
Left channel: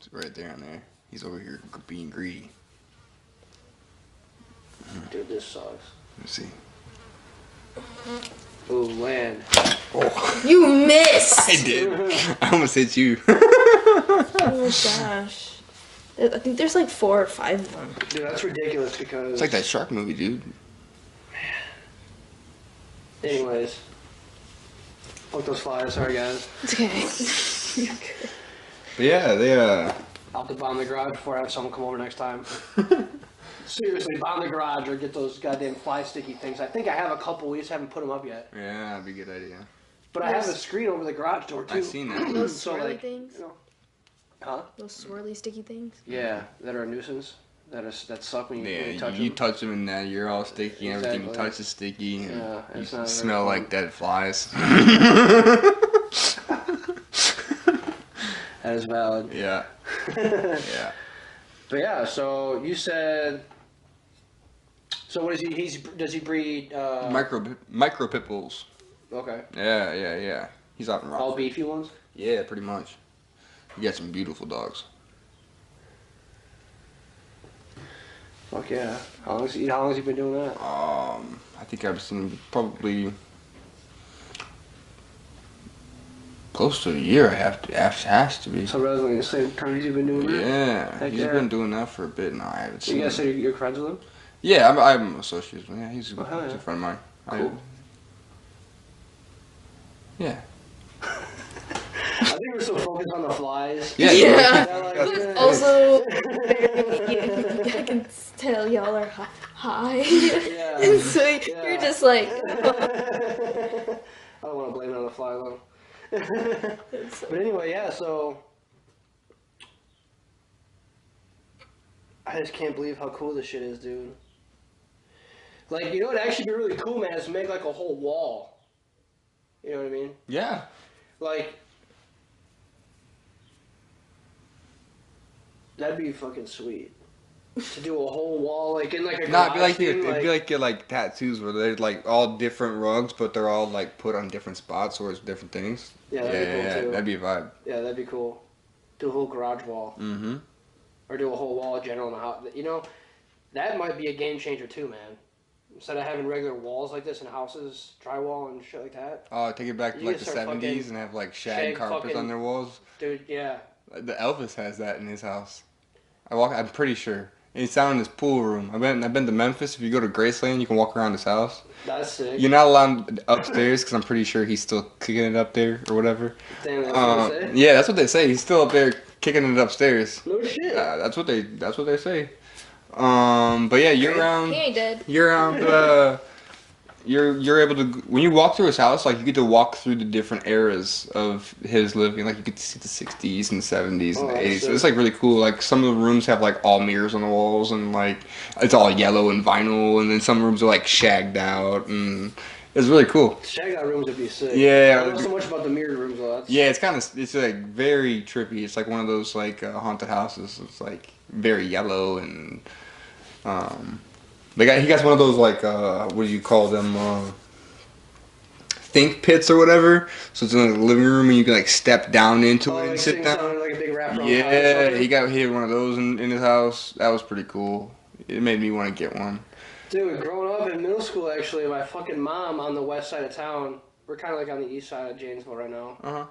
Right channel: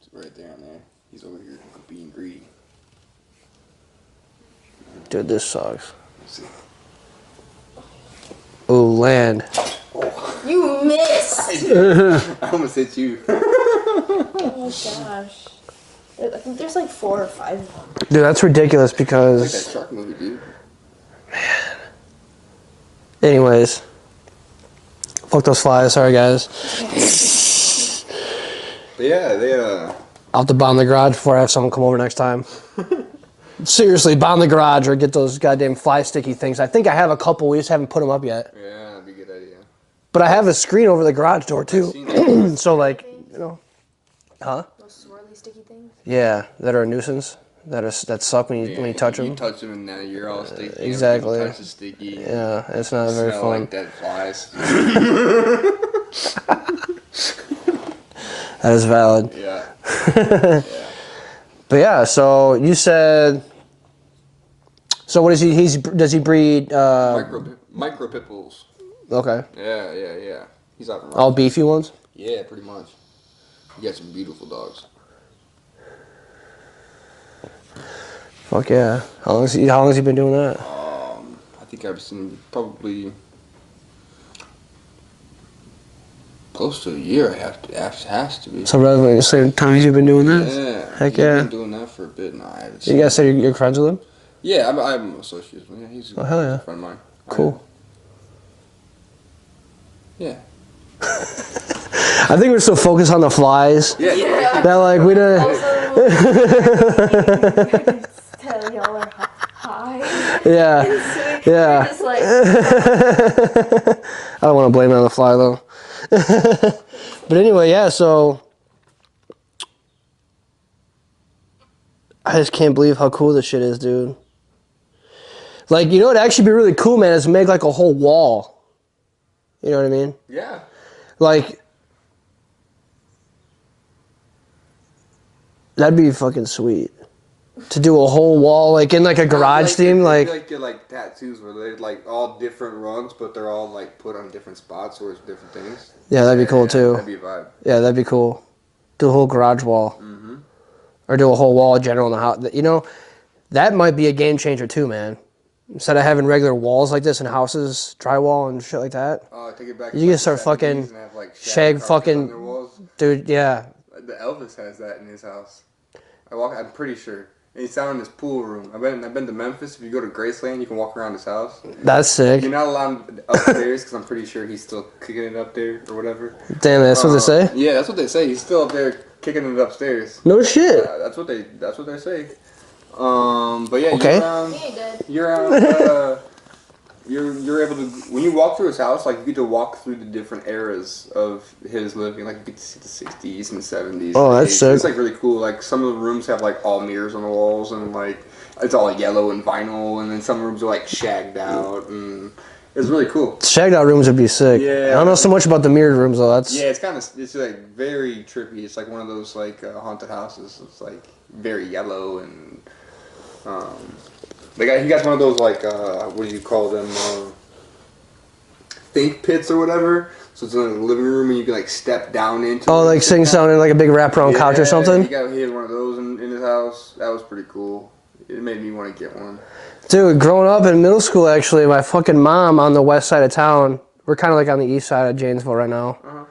it's right there and there. He's over here being greedy. Dude, this sucks. Let's see. Ooh, land. You missed. I did. I almost hit you. Oh my gosh. I think there's like 4 or 5 of them. Dude, that's ridiculous because. It's like that shark movie, dude. Anyways. Fuck those flies. Sorry, guys. But yeah, they I'll have to bomb the garage before I have someone come over next time. Seriously, bomb the garage or get those goddamn fly sticky things. I think I have a couple. We just haven't put them up yet. Yeah, that'd be a good idea. But I have a screen over the garage door too. I've seen it. So like, Things? you know, huh? Those swirly sticky things. Yeah, that are a nuisance. That suck when you touch You them. touch them and then you're all sticky. Exactly. Everything touches sticky. Yeah, it's not very Smell fun. like dead flies. That is valid. Yeah. Yeah. But yeah, so you said. So what is he? Does he breed? Micro pit bulls. Okay. Yeah. He's out and around. All beefy ones. Yeah, pretty much. You got some beautiful dogs. Fuck yeah. How long has he been doing that? I think I've seen probably close to a year. Has to be. So relatively the same time you've been doing this? Yeah. Heck He's yeah. been doing that for a bit now. I haven't You seen guys say him. you're friends with him? Yeah, I'm associates with him. Yeah, he's Oh, hell yeah. a friend of mine. Cool. Yeah. I think we're so focused on the flies Yeah. that like we don't. Also, I can tell y'all are high. Yeah. So Yeah. you're just like, I don't want to blame it on the fly though. But anyway, yeah. So I just can't believe how cool this shit is, dude. Like, you know, it'd actually be really cool, man, is to make like a whole wall. You know what I mean? Yeah. Like, that'd be fucking sweet. To do a whole wall, like in like a garage theme, It'd like be like tattoos where they're like all different rugs, but they're all like put on different spots or it's different things. yeah, that'd be cool too. That'd be a vibe. Yeah, that'd be cool. Do a whole garage wall, or do a whole wall in general in the house. You know, that might be a game changer too, man. Instead of having regular walls like this in houses, drywall and shit like that, Oh, take it back. You to can like start the 70s fucking and have like shag carpets fucking- on their walls. dude. Yeah, The Elvis has that in his house. I'm pretty sure. And it's down in his pool room. I've been to Memphis. If you go to Graceland, you can walk around his house. that's sick. You're not allowed upstairs because I'm pretty sure he's still kicking it up there or whatever. Damn, that's what they say. Yeah, that's what they say. He's still up there kicking it upstairs. No shit. That's what they say. But yeah, Okay. he ain't dead. you're able to, when you walk through his house, like you get to walk through the different eras of his living. Like you get to see the 60s and 70s. Oh, and that's 80s. So it's sick. like really cool. Like some of the rooms have like all mirrors on the walls and like it's all yellow and vinyl, and then some rooms are like shagged out, and it's really cool. Shagged out rooms would be sick. Yeah. I don't know so much about the mirrored rooms though. That's Yeah, it's like very trippy. It's like one of those like haunted houses. It's like very yellow and he got one of those like what do you call them? Think pits or whatever. So it's in the living room and you can like step down into. oh, it like and sit sing down. sounding like a big wraparound couch or something. He had one of those in his house. That was pretty cool. It made me want to get one. Dude, growing up in middle school, actually, my fucking mom on the west side of town. We're kind of like on the east side of Janesville right now.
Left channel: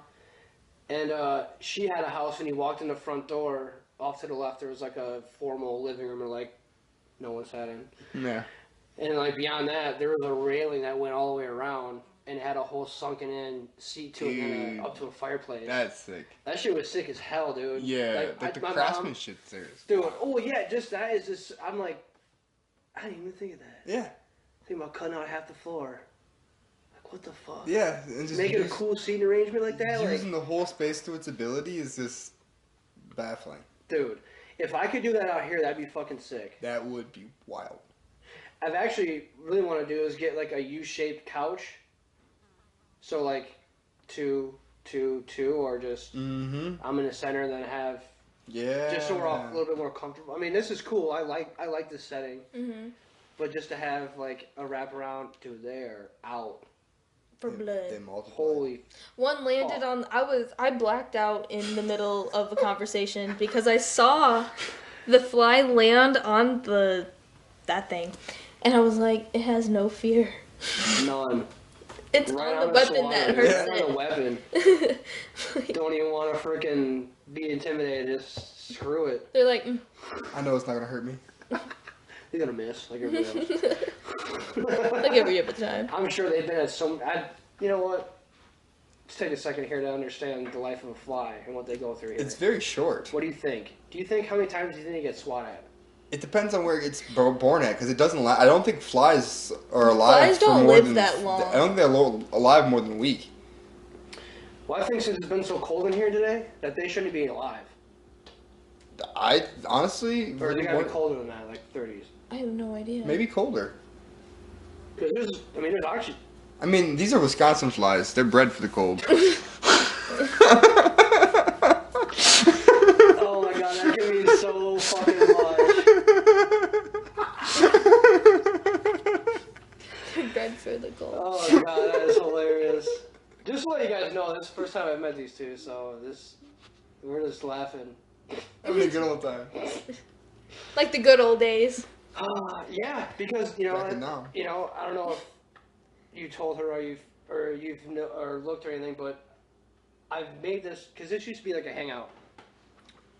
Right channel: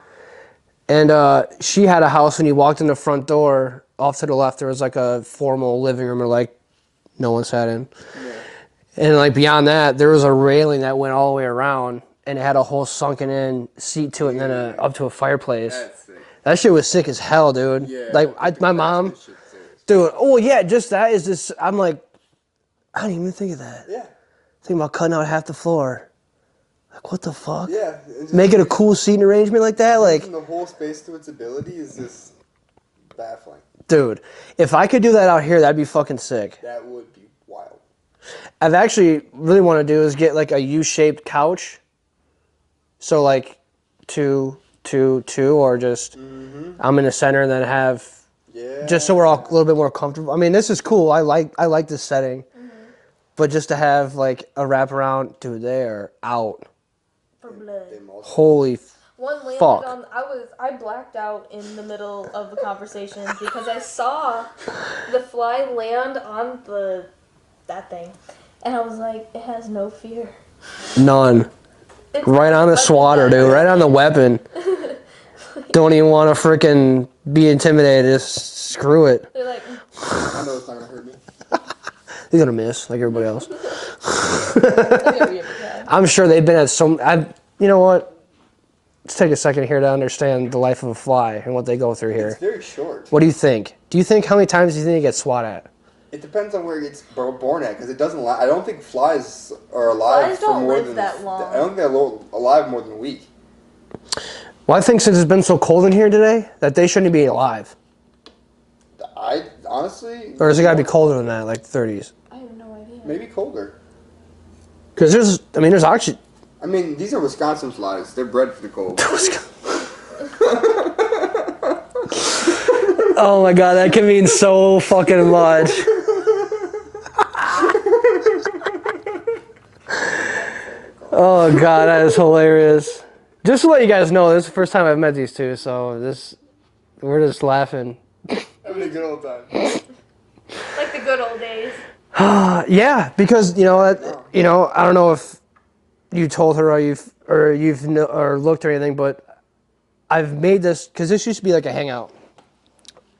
And she had a house. When you walked in the front door, off to the left, there was like a formal living room, or like no one sat in. Yeah. And like beyond that, there was a railing that went all the way around, and it had a whole sunken in seat to it, and then up to a fireplace. That's sick. That shit was sick as hell, dude. Yeah. Like my mom, dude. Oh yeah, just that is just. I'm like, I didn't even think of that. Yeah. Think about cutting out half the floor. Like what the fuck? Yeah. and just Make it a cool seating arrangement like that, like. using the whole space to its ability is just baffling. Dude, if I could do that out here, that'd be fucking sick. That would be wild. I've actually really want to do is get like a U-shaped couch. So like two, or just I'm in the center and then have Yeah. just so we're all a little bit more comfortable. I mean, this is cool. I like this setting, but just to have like a wraparound, dude, they are out. For blood. Holy, One landed Fuck. on. I blacked out in the middle of the conversation because I saw the fly land on that thing, and I was like, it has no fear. none. It's Right on the weapon swatter, that dude. Right on the resistant. weapon. Don't even want to freaking be intimidated. Just screw it. They're like, I know it's not gonna hurt me. He's gonna miss like everybody else. I'll give you a time. I'm sure they've been at some. You know what? Let's take a second here to understand the life of a fly and what they go through here. It's very short. What do you think? Do you think how many times do you think it gets swat at? It depends on where it gets born at, because it doesn't. I don't think flies are alive. Flies for don't more live than, that long. I don't think they're alive more than a week. Well, I think since it's been so cold in here today, that they shouldn't be alive. I honestly. Or has it got to be colder than that, like 30s? I have no idea. Maybe colder. Because there's oxygen. I mean, these are Wisconsin flies. They're bred for the cold. Oh my god, that can mean so fucking much. Oh god, that is hilarious. Just to let you guys know, this is the first time I've met these two, so we're just laughing. Having a good old time. Like the good old days. Yeah, because No. I don't know if you told her or looked or anything, but I've made this because this used to be like a hangout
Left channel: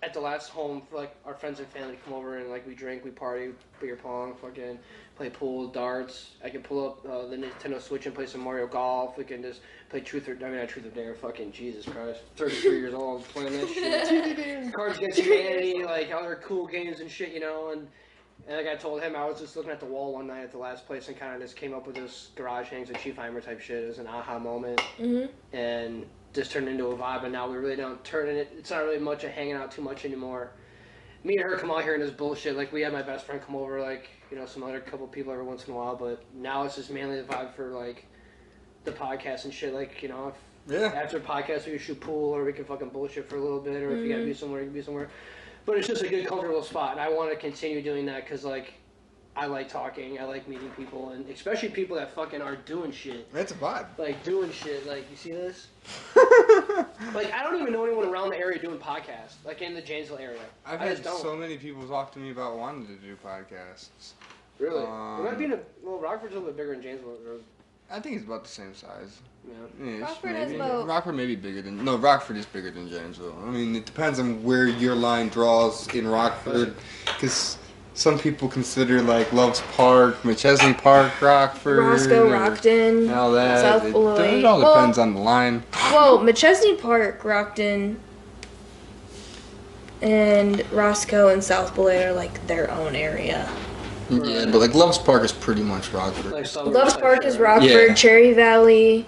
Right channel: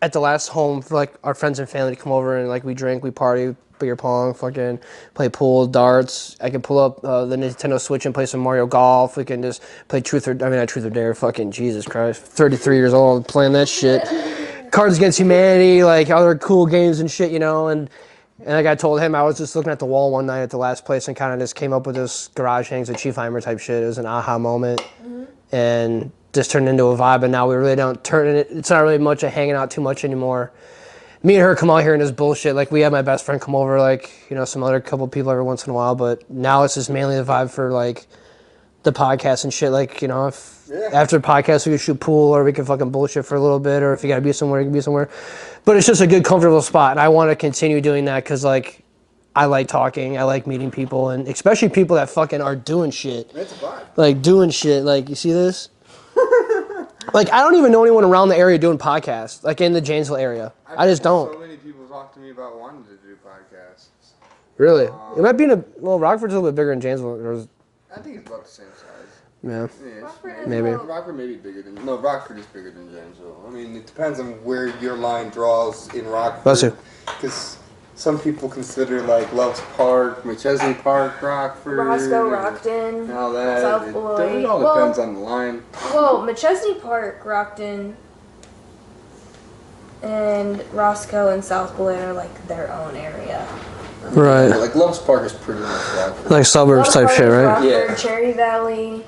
at the last home for like our friends and family to come over and like we drink, we party, beer pong, fucking play pool, darts. I can pull up the Nintendo Switch and play some Mario Golf. We can just play not Truth or Dare. Fucking Jesus Christ, 33 years old playing that shit. Cards Against Humanity, like other cool games and shit, And like I told him, I was just looking at the wall one night at the last place and kind of just came up with this garage hangs of Chiefheimer type shit. It was an aha moment. And just turned into a vibe, and now we really don't turn it. It's not really much of hanging out too much anymore. Me and her come out here and this bullshit. Like we have my best friend come over, like some other couple people every once in a while. But now it's just mainly the vibe for like the podcast and shit. Like if after the podcast we could shoot pool or we could fucking bullshit for a little bit, or if you gotta be somewhere, you can be somewhere. But it's just a good, comfortable spot, and I want to continue doing that because like I like talking, I like meeting people, and especially people that fucking are doing shit. It's a vibe. Like doing shit. Like you see this. Like, I don't even know anyone around the area doing podcasts, like in the Janesville area. I just don't. So many people talk to me about wanting to do podcasts. Really? It might be Rockford's a little bit bigger than Janesville. I think it's about the same size. Yeah. Rockford maybe. Rockford may be bigger than... No, Rockford is bigger than Janesville. I mean, it depends on where your line draws in Rockford. Because some people consider, like, Loves Park, McChesney Park, Rockford. Roscoe, Rockton, All that. South Beloit. It all depends on the line. Well, McChesney Park, Rockton, and Roscoe and South Beloit are like their own area. Right. But, like, Loves Park is pretty much Rockford. Like suburbs Loves type Park shit, is right? Rockford, Yeah. Cherry Valley,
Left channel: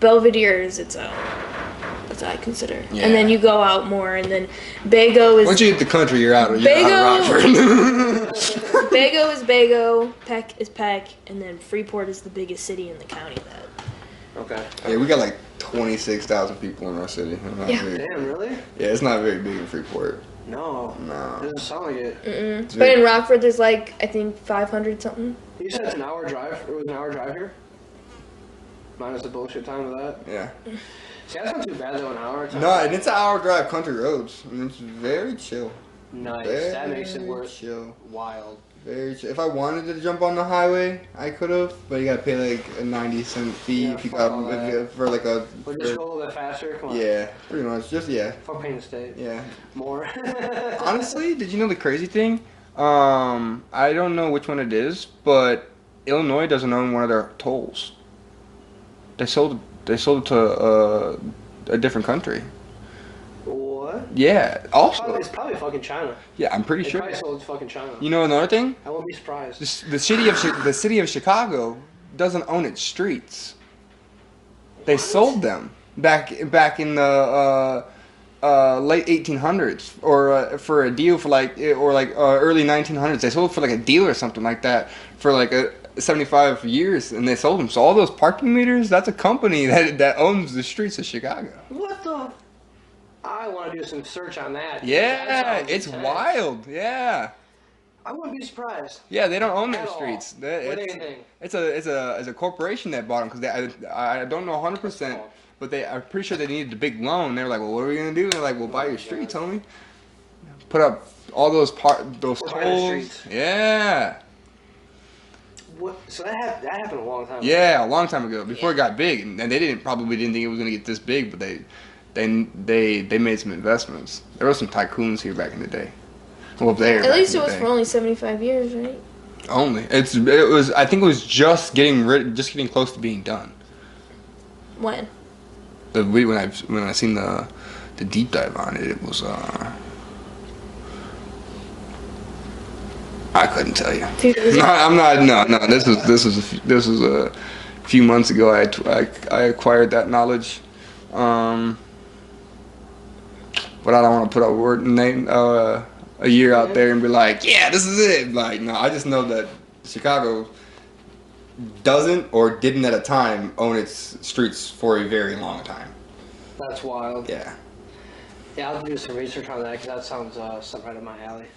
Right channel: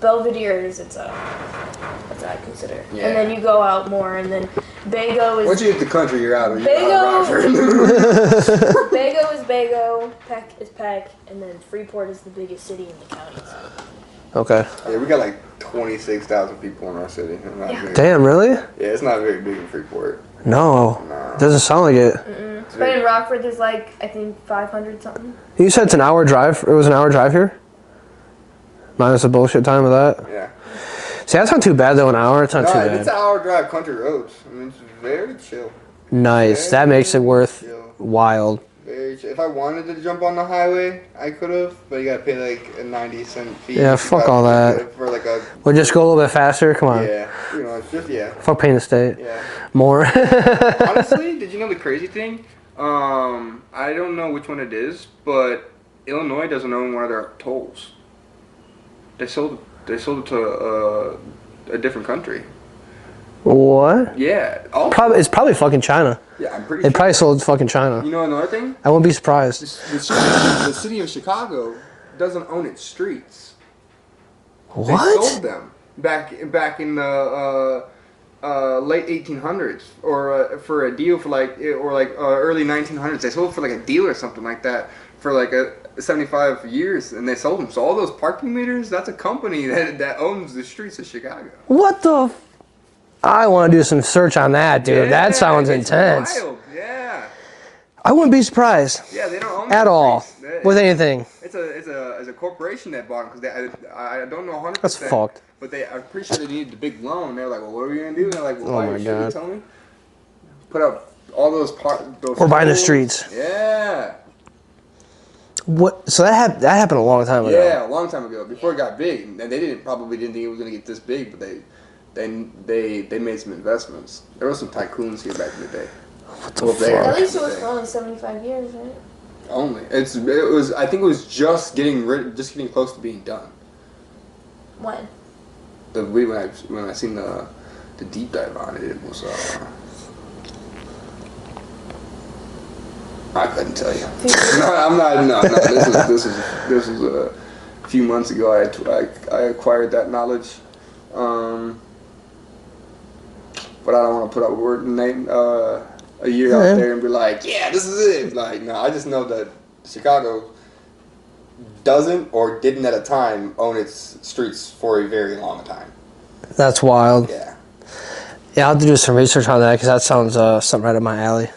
Belvedere is its own. That's what I consider. Yeah. And then you go out more, and then Bago is... Once you hit the country, you're out of Rockford. Bago is Bago, Peck is Peck, and then Freeport is the biggest city in the county. Okay. Yeah, we got like 26,000 people in our city. Damn, really? Yeah, it's not very big in Freeport. No. No. Doesn't sound like it. But in Rockford, there's like, I think 500 something. You said it's an hour drive. It was an hour drive here? Minus the bullshit time of that? Yeah. See, that's not too bad, though, an hour. It's not too bad. It's an hour drive country roads. I mean, it's very chill. Nice. That makes it worth chill. wild. Very chill. If I wanted to jump on the highway, I could have, but you gotta pay like a 90-cent fee. Yeah, fuck all that. For like a... We'll just go a little bit faster. Come on. Yeah, pretty much. Just, yeah. Fuck paying the state. Yeah. More. Honestly, did you know the crazy thing? I don't know which one it is, but Illinois doesn't own one of their tolls. They sold it to a different country. What? Yeah. Also, It's probably fucking China. yeah, I'm pretty It sure. probably sold to fucking China. You know another thing? I won't be surprised. The city of Chicago doesn't own its streets. They What? sold them back in the late 1800s, or for a deal for early 1900s. They sold it for like a deal or something like that for like 75 years, and they sold them. So all those parking meters, that's a company that owns the streets of Chicago. What the? I want to do some search on that, dude. Yeah, That sounds it's intense. Wild, yeah. I wouldn't be surprised Yeah, they don't own at those all streets. with anything. It's a corporation that bought them because I don't know 100%. That's fucked. But I'm pretty sure they needed a big loan. They're like, well, what are we gonna do? They're like, well, buy my your streets, God. homie. Put up all those Or buy the tolls. streets. Yeah. What? So that happened a long time ago. Yeah, a long time ago, before it got big, and they probably didn't think it was gonna get this big, but they made some investments. There were some tycoons here back in the day. At least it was for only 75 years, right? Only I think it was just getting close to being done. When? When I seen the deep dive on it, it was I couldn't tell you. No, I'm not. No. This was a few months ago. I acquired that knowledge, but I don't want to put a word name a year out there and be like, yeah, this is it. Like, no, I just know that Chicago doesn't or didn't at a time own its streets for a very long time. That's wild. Yeah. Yeah, I'll have to do some research on that because that sounds something right up my alley.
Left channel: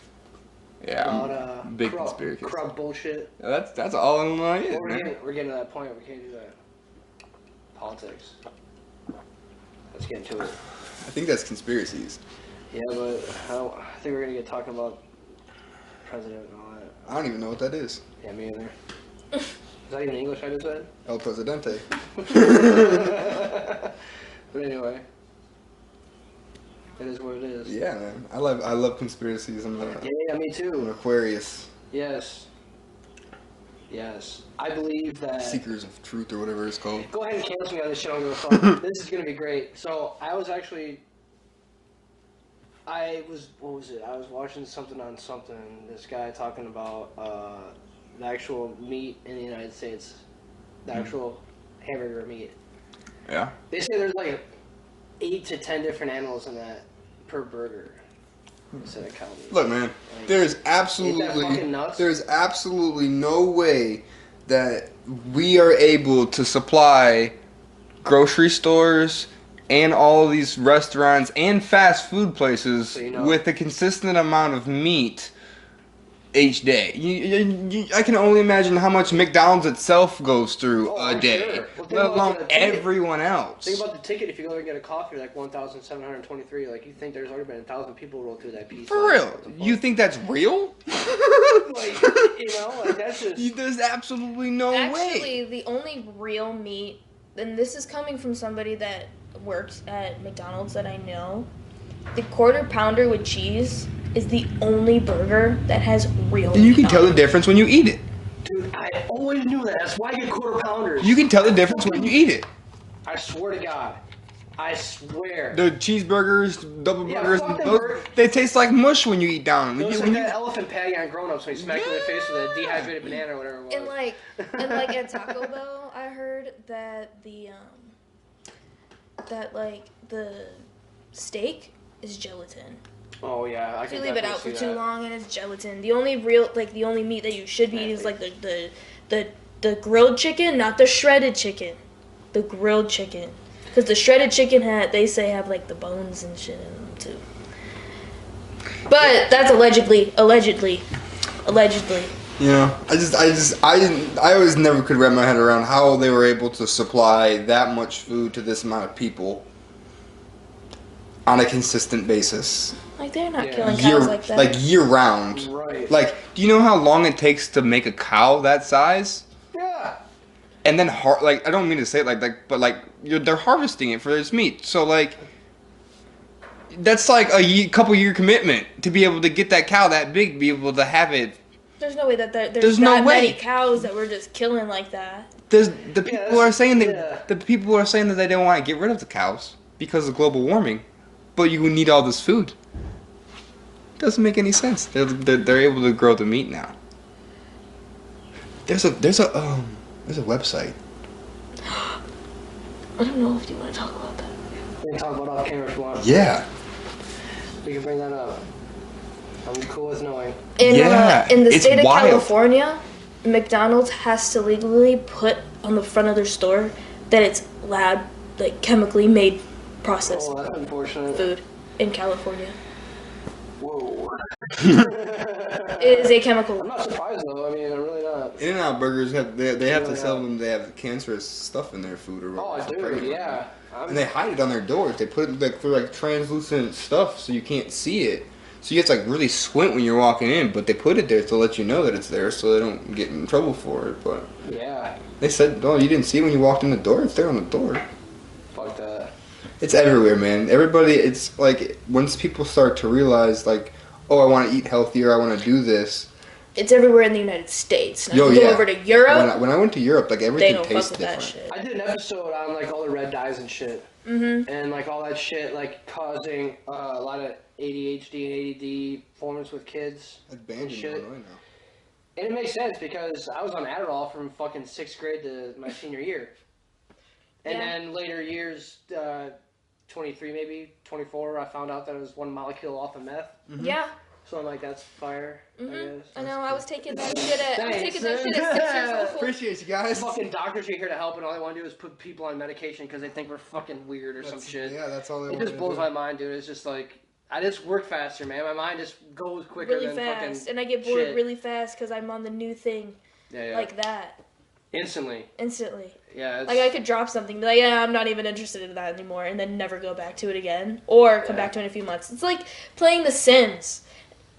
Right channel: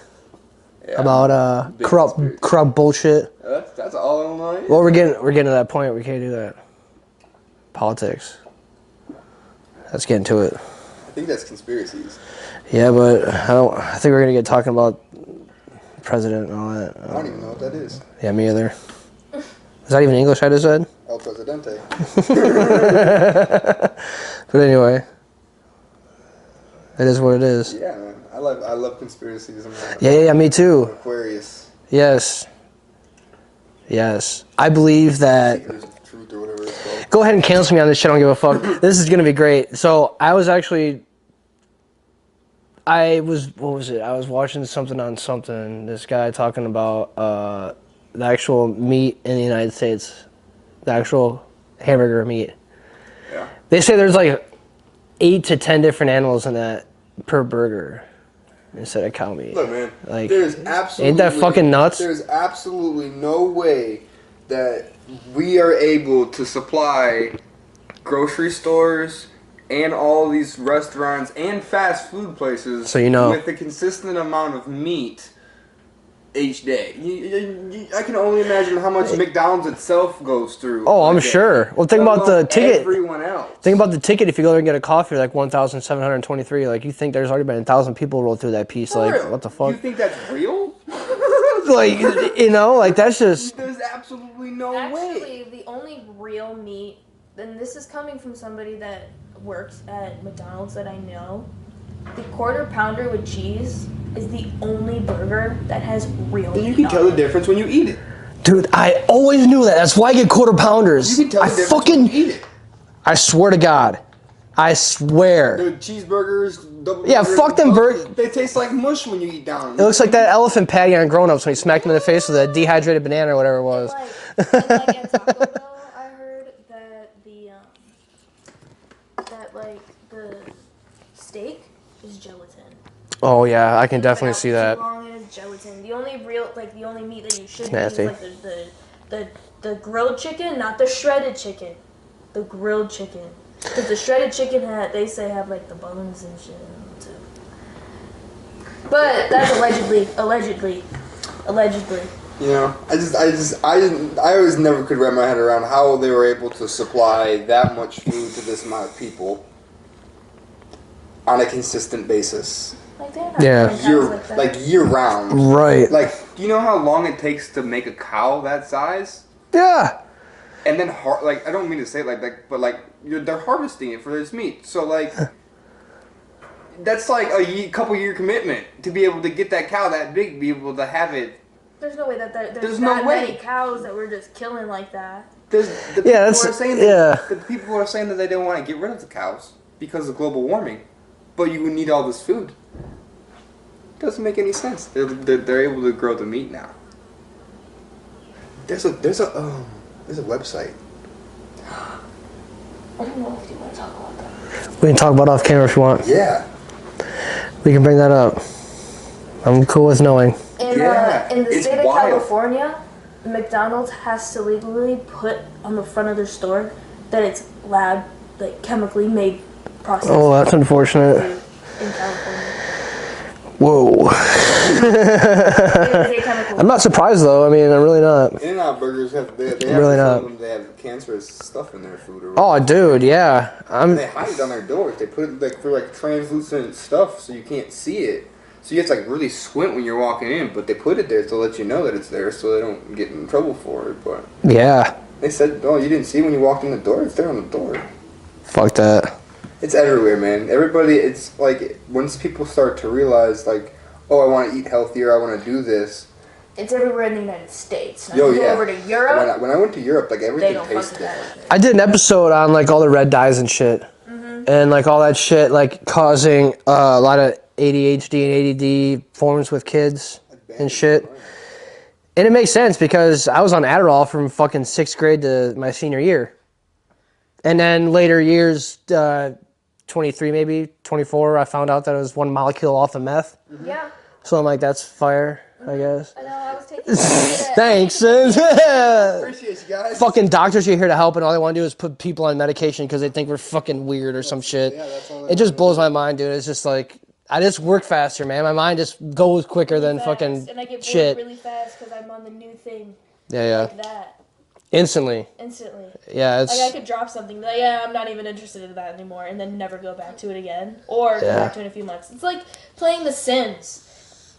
Yeah. About Big corrupt conspiracy. bullshit. That's all Illinois. Well, we're getting to that point. We can't do that. Politics. Let's get into it. I think that's conspiracies. Yeah, but I think we're gonna get talking about president and all that. I don't even know what that is. Yeah, me either. Is that even English I just said? El Presidente. But anyway, it is what it is. Yeah, man. I love conspiracies. Yeah, me too. Aquarius. Yes. I believe that. Seekers of truth or whatever it's called. Go ahead and cancel me on this shit. I don't give a fuck. This is gonna be great. So I was actually. What was it? I was watching something on something. This guy talking about the actual meat in the United States, the actual hamburger meat. Yeah. They say there's like 8 to 10 different animals in that per burger instead of cow meat. Look, man. Like, there's absolutely. ain't that fucking nuts? There's absolutely no way that we are able to supply grocery stores and all these restaurants and fast food places with a consistent amount of meat each day. I can only imagine how much McDonald's itself goes through. Oh, I'm sure. Well, think about the ticket. Everyone else. Think about the ticket. If you go there and get a coffee, like 1,723. Like, you think there's already been 1,000 people roll through that piece? For like, real? What the fuck? You think that's real? Like, like that's just. There's absolutely no way. Actually, the only real meat, and this is coming from somebody that works at McDonald's that I know, the quarter pounder with cheese is the only burger that has real meat. And you can tell the difference when you eat it. Dude, I always knew that. That's why I get quarter pounders. You can tell the difference when you eat it. I swear to God. I swear. The cheeseburgers, double burgers. Yeah, fuck them burgers. They taste like mush when you eat down. It looks like that elephant patty on Grown Ups when you smacked him in the face with a dehydrated banana or whatever it was. And like at Taco Bell, I heard that the steak is gelatin. Oh yeah, I can You leave it definitely out see for that. Too long and it's gelatin. The only meat that you should use is like the grilled chicken, not the shredded chicken. The grilled chicken, because the shredded chicken they say have like the bones and shit in them too. But that's allegedly. You know, I always never could wrap my head around how they were able to supply that much food to this amount of people on a consistent basis. Like they're not killing cows like that. Like year round. Right. Like, do you know how long it takes to make a cow that size? Yeah. And then I don't mean to say it but they're harvesting it for this meat. So like that's like a couple year commitment to be able to get that cow that big, be able to have it. There's no way that there's that many cows that we're just killing like that. The people are saying that they don't want to get rid of the cows because of global warming, but you need all this food. Doesn't make any sense. They're able to grow the meat now. There's a website. I don't know if you want to talk about that. We can talk about it off camera if you want. Yeah. We can bring that up. I'm cool with knowing. In the state of California, McDonald's has to legally put on the front of their store that it's chemically made processed. Oh, that's unfortunate. Food in California. Whoa. It is a chemical. I'm not surprised though. I mean, I'm really not. In-N-Out burgers they have really to tell them they have cancerous stuff in their food. Oh, dude, yeah. And they hide it on their doors. They put it through translucent stuff so you can't see it. So you have to really squint when you're walking in, but they put it there to let you know that it's there so they don't get in trouble for it. But yeah. They said, oh, you didn't see when you walked in the door? It's there on the door. Fuck that. It's everywhere, man. Everybody, it's like, once people start to realize, oh, I want to eat healthier, I want to do this. It's everywhere in the United States. Now, you go over to Europe. When I went to Europe, everything they don't tastes fuck with that different. shit. I did an episode on all the red dyes and shit. Mm-hmm. And all that shit causing a lot of ADHD and ADD forms with kids and shit. And it makes sense because I was on Adderall from fucking 6th grade to my senior year. And then later years, 23 maybe, 24, I found out that it was one molecule off of meth. Mm-hmm. Yeah. So I'm like, that's fire, I guess. I know, I was taking Thanks. Yeah. Appreciate you guys. Fucking doctors are here to help, and all they want to do is put people on medication because they think we're fucking weird or some shit. Yeah, that's all it just blows my mind, dude. It's just I just work faster, man. My mind just goes quicker really than fast. fucking And I get bored shit. really fast because I'm on the new thing. Yeah. Like that. Instantly. Yeah, it's... I could drop something, be I'm not even interested in that anymore, and then never go back to it again. Or go back to it in a few months. It's like playing The Sims.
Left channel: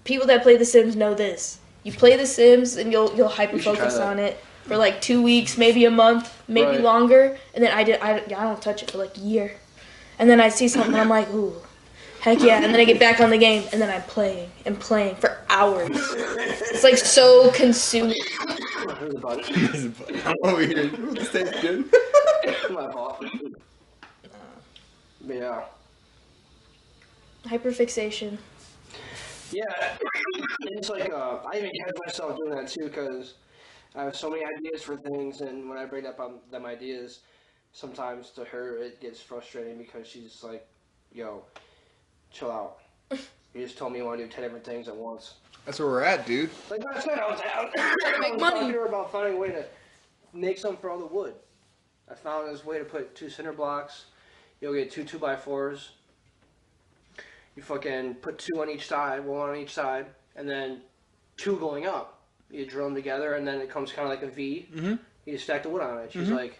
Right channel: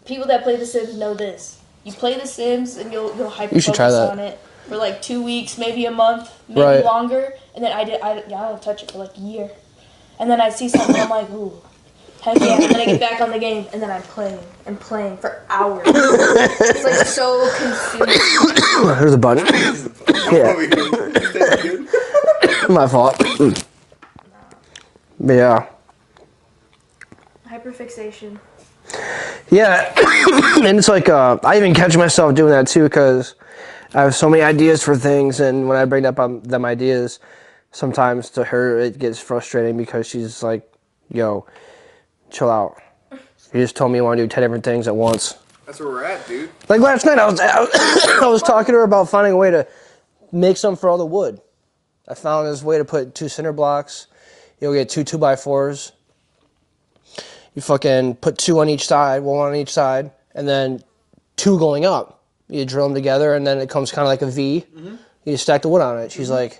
people that play The Sims know this. You play The Sims and you'll hyper should try focus that. on it for like 2 weeks, maybe a month, maybe longer, and then I don't touch it for like a year, and then I see something I'm like, ooh, heck yeah, and then I get back on the game and then I'm playing for hours. It's like so consuming. There's a button. Yeah. My fault. But yeah. Hyperfixation. Yeah, and it's like I even catch myself doing that too because I have so many ideas for things, and when I bring up them ideas, sometimes to her it gets frustrating because she's like, "Yo, chill out. You just told me you want to do 10 different things at once." That's where we're at, dude. Like last night, I was talking to her about finding a way to make something for all the wood. I found this way to put 2 cinder blocks. You'll get 2 2x4s. You fucking put 2 on each side, 1 on each side, and then 2 going up. You drill them together, and then it comes kind of like a V. Mm-hmm. You stack the wood on it. She's like,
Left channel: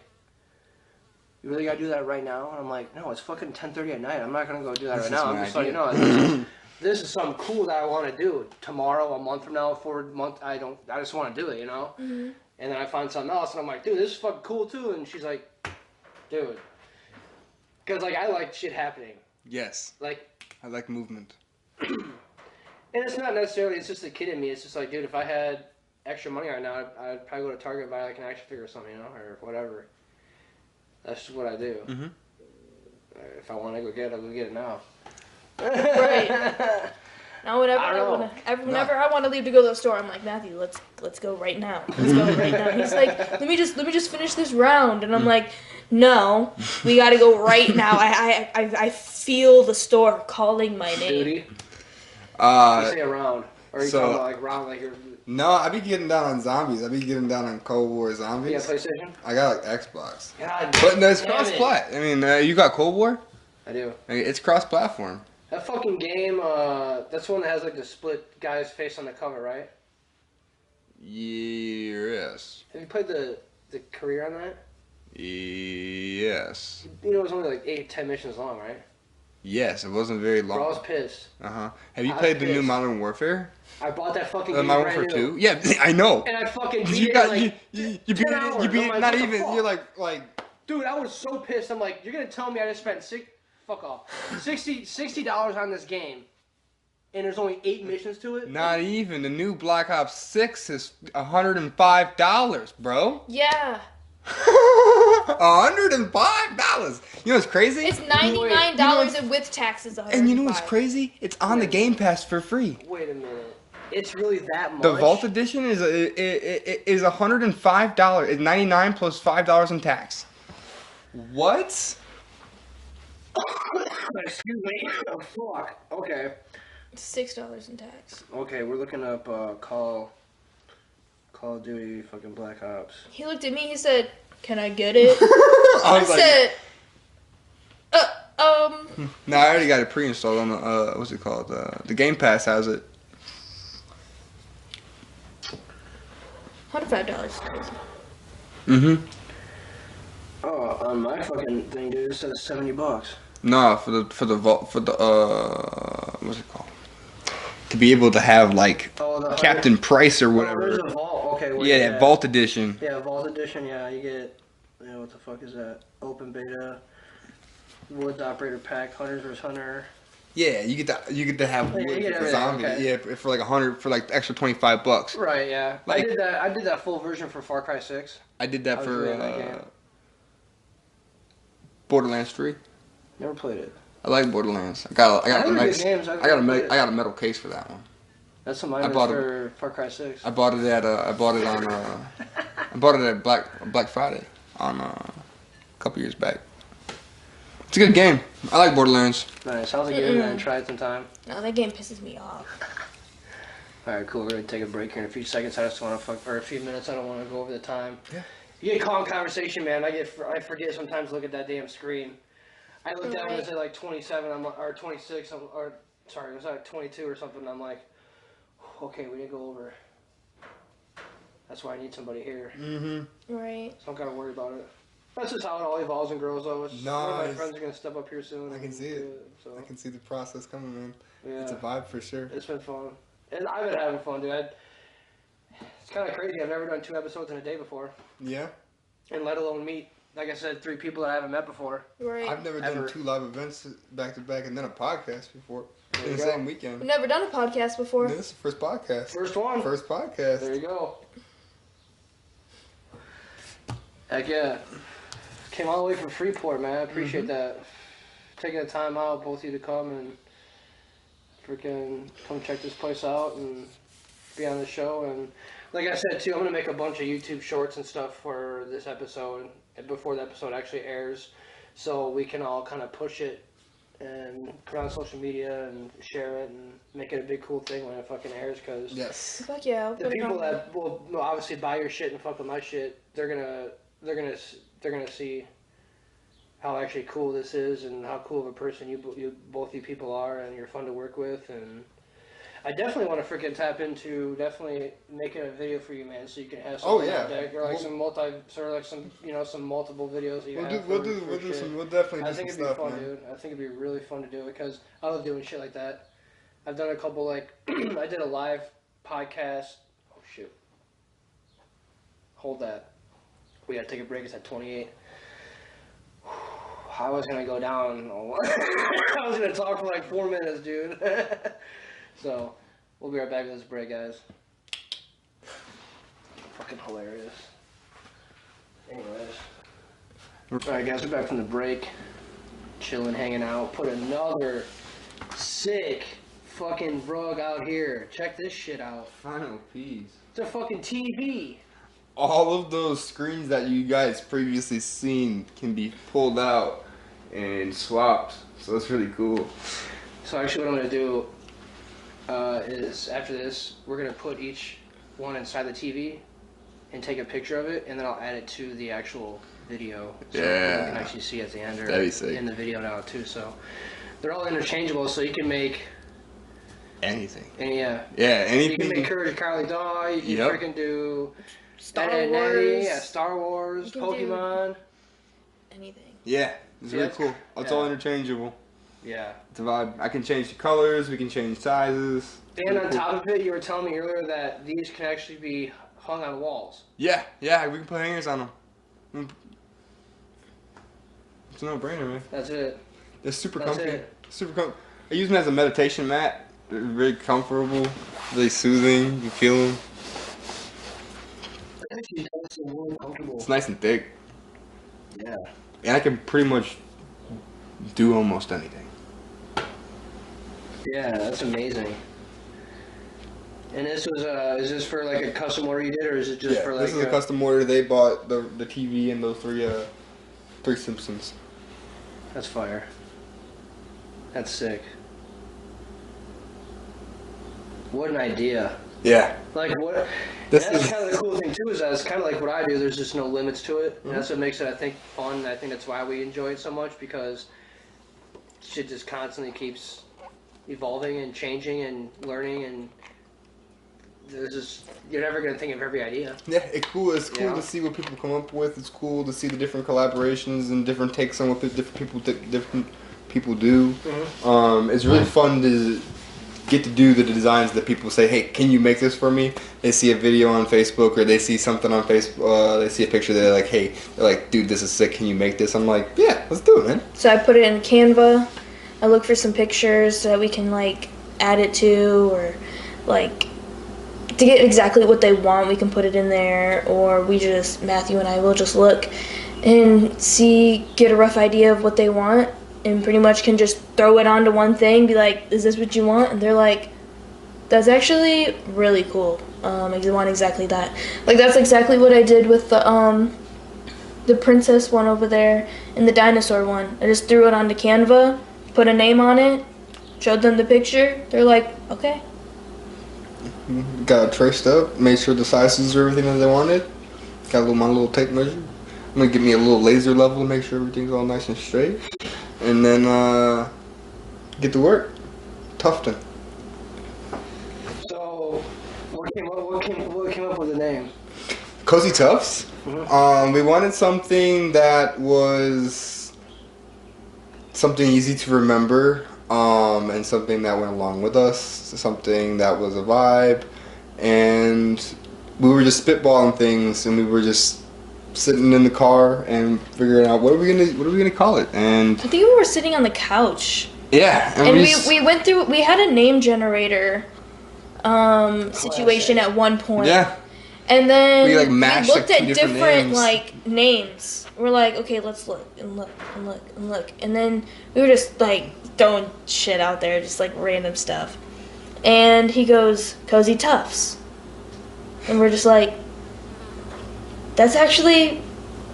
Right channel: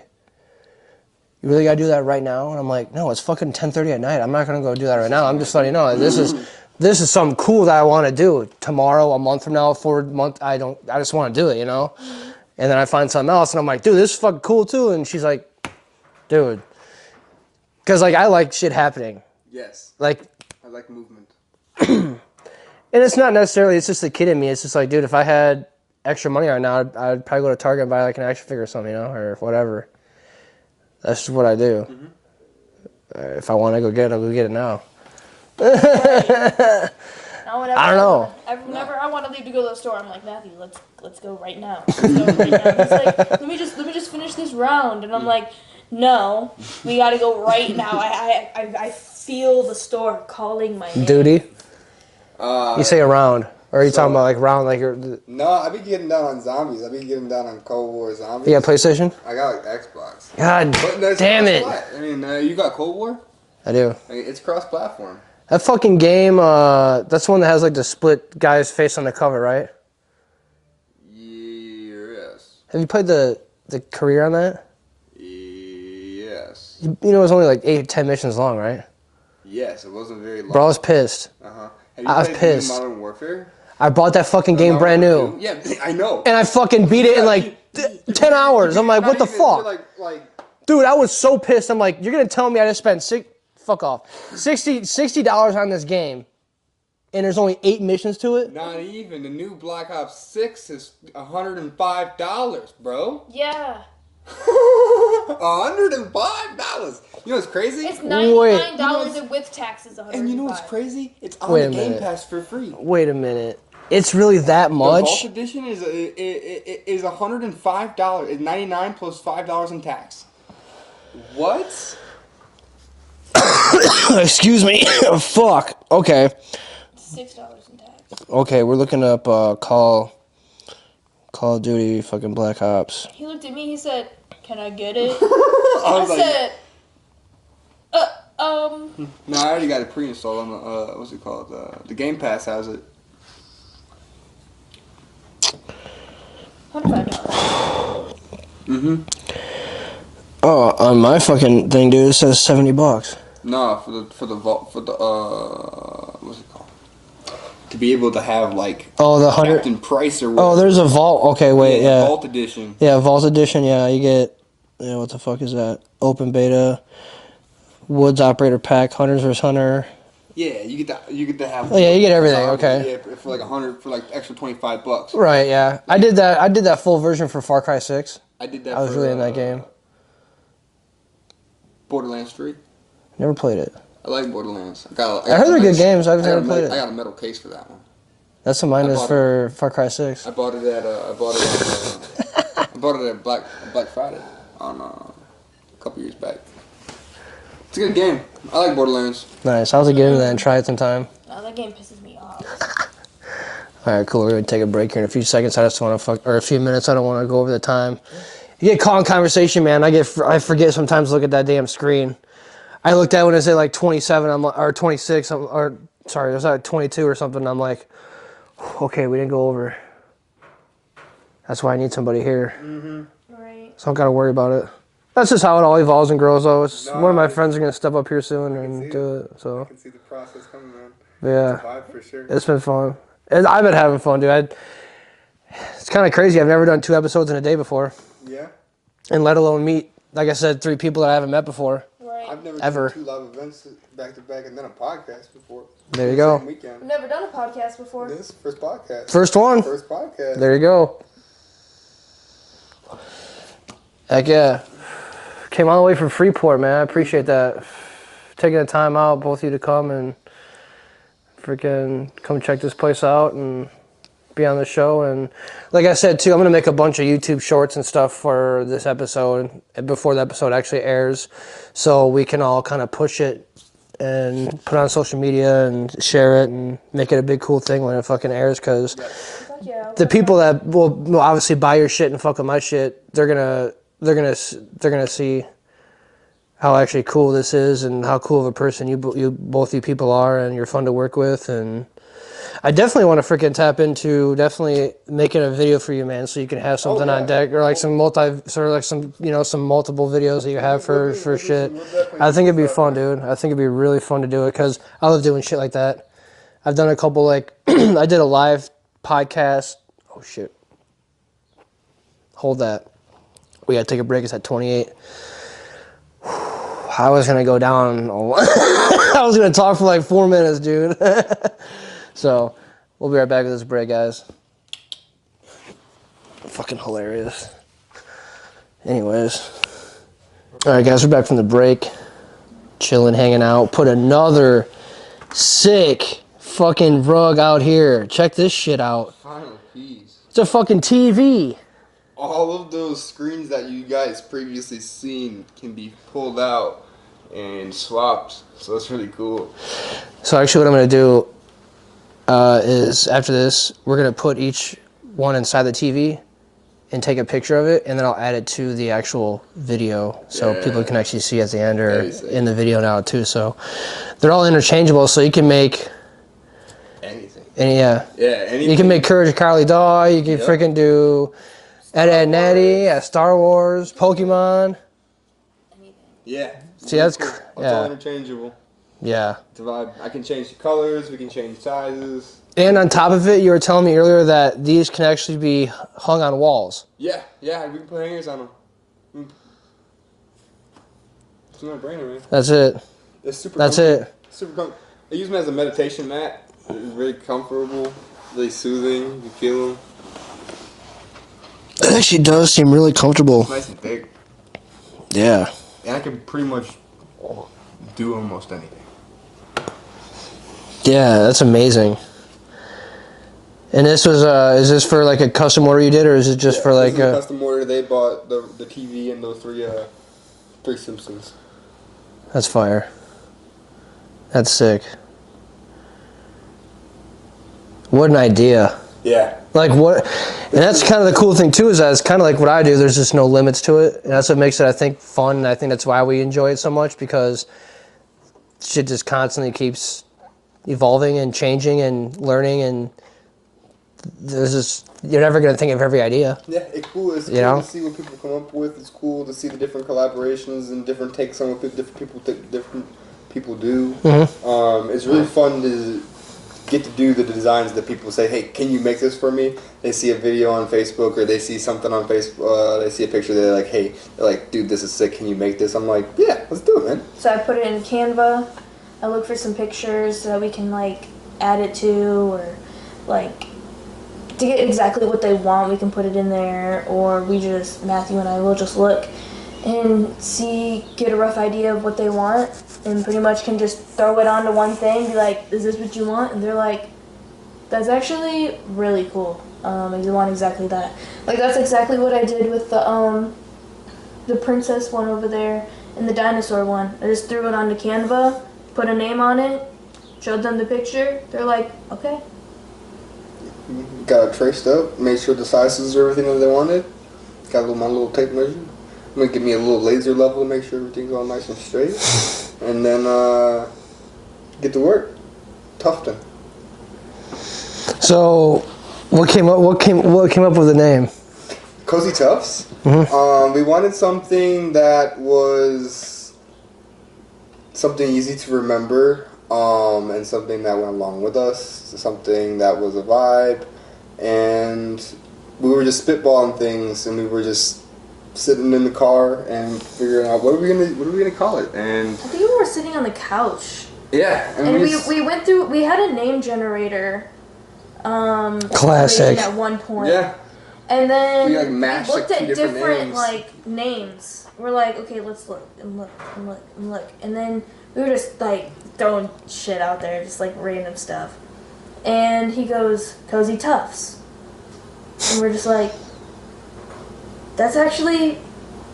"You really gotta do that right now?" And I'm like, "No, it's fucking 10:30 at night. I'm not gonna go do that right now. I'm just letting you know. This is something cool that I want to do tomorrow, a month from now, 4 months. I just want to do it, you know." Mm-hmm. And then I find something else, and I'm like, "Dude, this is fucking cool too." And she's like, "Dude," because like I like shit happening. Yes. Like. I like movement. And it's not necessarily, it's just the kid in me. It's just like, dude, if I had extra money right now, I'd probably go to Target and buy like an action figure or something, you know, or whatever. That's just what I do. Mm-hmm. If I want to go get it, I'll go get it now. Right. Now, whenever I don't know. Whenever I want to leave to go to the store, I'm like, Matthew, let's go right now. Let's go right now. He's like, let me just finish this round, and I'm like, no, we got to go right now. I feel the store calling my name. Duty. You say around, or are you talking about like round, like you're? No, I be getting down on zombies. I be getting down on Cold War zombies. Yeah, PlayStation. I got like Xbox. God damn it! I mean, you got Cold War? I do. It's cross-platform. That fucking game, that's the one that has like the split guy's face on the cover, right? Yes. Have you played the career on that? Yes. You know, it was only like 8-10 missions long, right? Yes, it wasn't very long. Bro, I was pissed. Uh-huh. Have you played the new Modern Warfare? I bought that fucking game brand new. Yeah, I know. And I fucking beat it in like 10 hours. I'm like, what the fuck? Dude, I was so pissed. I'm like, you're going to tell me I just spent $60 on this game, and there's only 8 missions to it? Not even. The new Black Ops 6 is $105, bro. Yeah. $105. You know what's crazy? It's $99 and with taxes $105. And you know what's crazy? It's on the Game Pass for free. Wait a minute. It's really that much? The Vault Edition is $105. It's $99 plus $5 in tax. What? Excuse me. Fuck. Okay. $6 in tax. Okay, we're looking up Call of Duty fucking Black Ops. He looked at me, he said, "Can I get it?" I said, No, I already got it pre-installed on the, what's it called? The Game Pass has it. $105. Mm-hmm. Oh, on my fucking thing, dude, it says $70. No, for the what's it called? To be able to have like the Captain Price or whatever. Oh, there's a Vault. Okay, wait, yeah. Vault Edition. Yeah, Vault Edition. Yeah, you get. Yeah, what the fuck is that? Open beta. Woods Operator Pack. Hunters vs Hunter. Yeah, you get to have. Oh yeah, you get everything. Zombie, okay. Yeah, for like $100 for like extra $25. Right. Yeah, like, I did that full version for Far Cry 6. I did that. I was really in that game. Borderlands 3. Never played it. I like Borderlands. I heard they're good games. I've never played it. I got a metal case for that one. That's what mine is for Far Cry 6. I bought it at Black Friday on a couple years back. It's a good game. I like Borderlands. Nice. I was get into that and try it sometime. No, that game pisses me off. All right, cool. We're gonna take a break here in a few seconds. I just want to or a few minutes. I don't want to go over the time. You get caught in conversation, man. I forget sometimes to look at that damn screen. I looked at when it said like 27, or 26, or sorry, it was like 22 or something. I'm like, okay, we didn't go over. That's why I need somebody here. Mm-hmm. Right. So I don't gotta worry about it. That's just how it all evolves and grows, though. One of my friends are gonna step up here soon and do it. So I can see the process coming, man. Yeah, It's a vibe for sure. It's been fun. And I've been having fun, dude. It's kind of crazy. I've never done 2 episodes in a day before. Yeah. And let alone meet, like I said, 3 people that I haven't met before. Right. I've never Ever. done 2 live events back to back and then a podcast before. There you The go. Same weekend. I've never done a podcast before. This is the first podcast. First one. First podcast. There you go. Heck yeah. Came all the way from Freeport, man. I appreciate that. Taking the time out, both of you to come and freaking come check this place out and be on the show. And like I said, too, I'm going to make a bunch of YouTube shorts and stuff for this episode before the episode actually airs, so we can all kind of push it and put it on social media and share it and make it a big cool thing when it fucking airs, because Fuck yeah. the people that will obviously buy your shit and fuck with my shit, they're gonna see how actually cool this is and how cool of a person both you people are, and you're fun to work with. And I definitely want to freaking tap into definitely making a video for you, man, so you can have something on deck, or like some multiple videos that you have for shit. I think it'd be fun, dude. I think it'd be really fun to do it, because I love doing shit like that. I've done a couple, like I did a live podcast. Oh shit. Hold that. We gotta take a break. It's at 28. I was gonna go down. I was gonna talk for like 4 minutes, dude. So, we'll be right back with this break, guys. Fucking hilarious. Anyways. Alright, guys, we're back from the break. Chilling, hanging out. Put another sick fucking rug out here. Check this shit out. Final piece. It's a fucking TV. All of those screens that you guys previously seen can be pulled out and swapped, so it's really cool. So actually what I'm going to do is after this, we're going to put each one inside the TV and take a picture of it, and then I'll add it to the actual video so people can actually see at the end or in the video now too. So they're all interchangeable, so you can make anything. Anything. You can make Courage the Cowardly Dog, you can freaking do Ed Natty, Star Wars, Pokemon. Anything. Yeah. See, that's cool. It's all interchangeable. Yeah. It's a vibe. I can change the colors. We can change sizes. And on top of it, you were telling me earlier that these can actually be hung on walls. Yeah, we can put hangers on them. It's a no-brainer, man. That's it. It's super. That's comfy. it. Super comfy. I use them as a meditation mat. They're very comfortable, really soothing. You feel them. It actually does seem really comfortable. It's nice and thick. Yeah. And I can pretty much do almost anything. Yeah, that's amazing. And this was, is this for like a custom order you did, or is it just for like this is a custom order? They bought the TV and those three Simpsons. That's fire. That's sick. What an idea. Yeah. Like what, and that's kind of the cool thing too, is that it's kind of like what I do. There's just no limits to it, and that's what makes it, I think, fun. And I think that's why we enjoy it so much, because shit just constantly keeps evolving and changing and learning, and there's just, you're never gonna think of every idea. Yeah, it's cool. It's cool to see what people come up with. It's cool to see the different collaborations and different takes on what different people do. Mm-hmm. It's really fun to get to do the designs that people say, hey, can you make this for me? They see a video on Facebook, or they see something on Facebook, they see a picture, they're like, dude, this is sick, can you make this? I'm like, yeah, let's do it, man. So I put it in Canva. I look for some pictures so that we can like add it to, or like to get exactly what they want, we can put it in there, or Matthew and I will just look and get a rough idea of what they want, and pretty much can just throw it onto one thing, be like, is this what you want? And they're like, that's actually really cool. I want exactly that. Like, that's exactly what I did with the princess one over there and the dinosaur one. I just threw it onto Canva, put a name on it, showed them the picture. They're like, okay. Got it traced up, made sure the sizes are everything that they wanted. Got my little tape measure. I'm gonna give me a little laser level to make sure everything's all nice and straight. And then get to work. Tufton. So, what came up with the name? Cozy Tuffs. Mm-hmm. We wanted something that was something easy to remember. and something that went along with us, something that was a vibe, and we were just spitballing things, and we were just sitting in the car and figuring out what are we gonna call it. And I think we were sitting on the couch. yeah, And we went through. We had a name generator situation at one point. Yeah. And then We, we like, matched, looked like, at two different different names. like names. We're like, okay, let's look and look and look and look. And then we were just like throwing shit out there, just like random stuff. And he goes, Cozy Tuffs. And we're just like, that's actually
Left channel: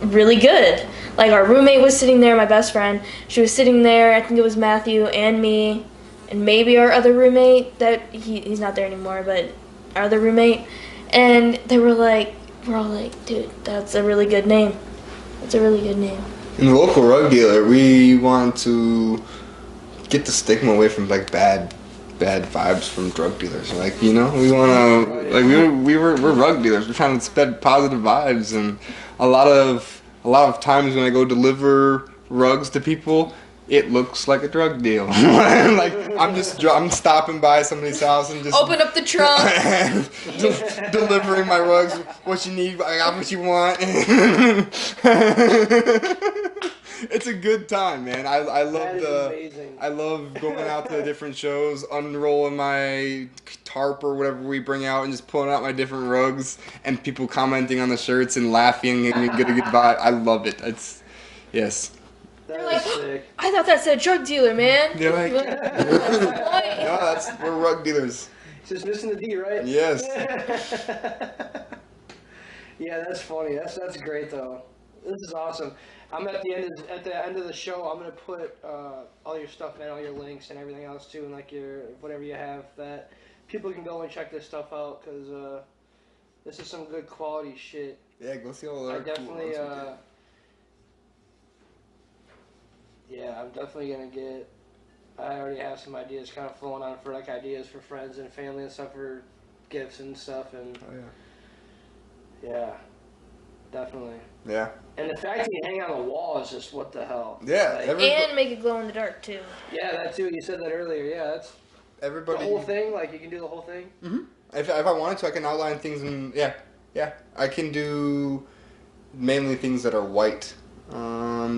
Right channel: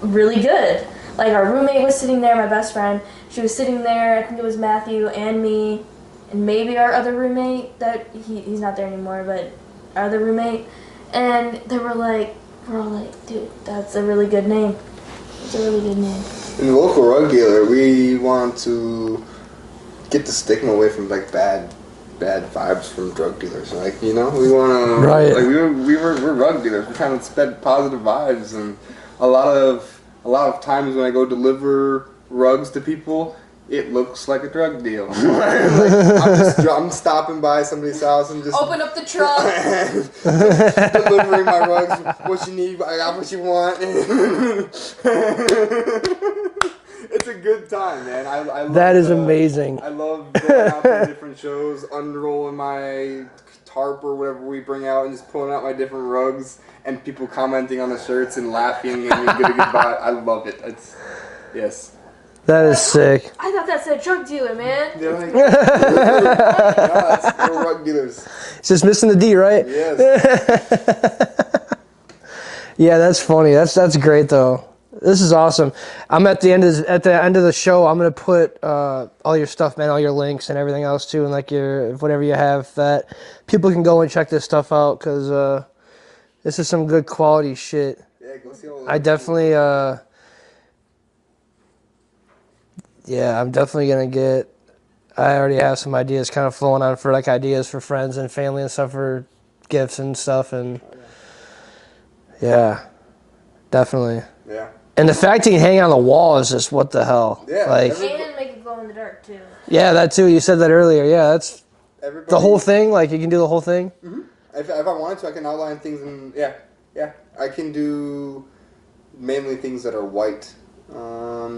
really good. Like, our roommate was sitting there, my best friend. She was sitting there, I think it was Matthew and me, and maybe our other roommate, that he's not there anymore, but our other roommate. And we're all like, dude, that's a really good name. That's a really good name. In the local rug dealer, we want to get the stigma away from like bad vibes from drug dealers. Like, you know, we want to Right. like we're rug dealers. We're trying to spread positive vibes, and a lot of times when I go deliver rugs to people, it looks like a drug deal. Like, I'm stopping by somebody's house and just Open up the trunk. just delivering my rugs. What you need, I got what you want. It's a good time, man. I love That is amazing. I love going out to different shows, unrolling my tarp or whatever we bring out, and just pulling out my different rugs, and people commenting on the shirts and laughing, and you get a good vibe. I love it. Yes. That is sick. I thought that said drug dealer, man. You're like, no, we're rug dealers. It's just missing the D, right? Yes. Yeah, that's funny. That's great though. This is awesome. I'm at the end of the show. I'm gonna put all your stuff, man, all your links and everything else too, and like your whatever you have that people can go and check this stuff out because this is some good quality shit. Yeah, go see all I definitely yeah, I'm definitely gonna get. I already have some ideas kind of flowing on for like ideas for friends and family and stuff for gifts and stuff, and yeah, definitely. Yeah. And the fact you can hang on the wall is just what the hell. Yeah, like And make it glow in the dark, too. yeah, that too. You said that earlier. Yeah, that's Everybody, the whole thing. Like you can do the whole thing. Mm-hmm. If I wanted to, I can outline things, and yeah, I can do mainly things that are white.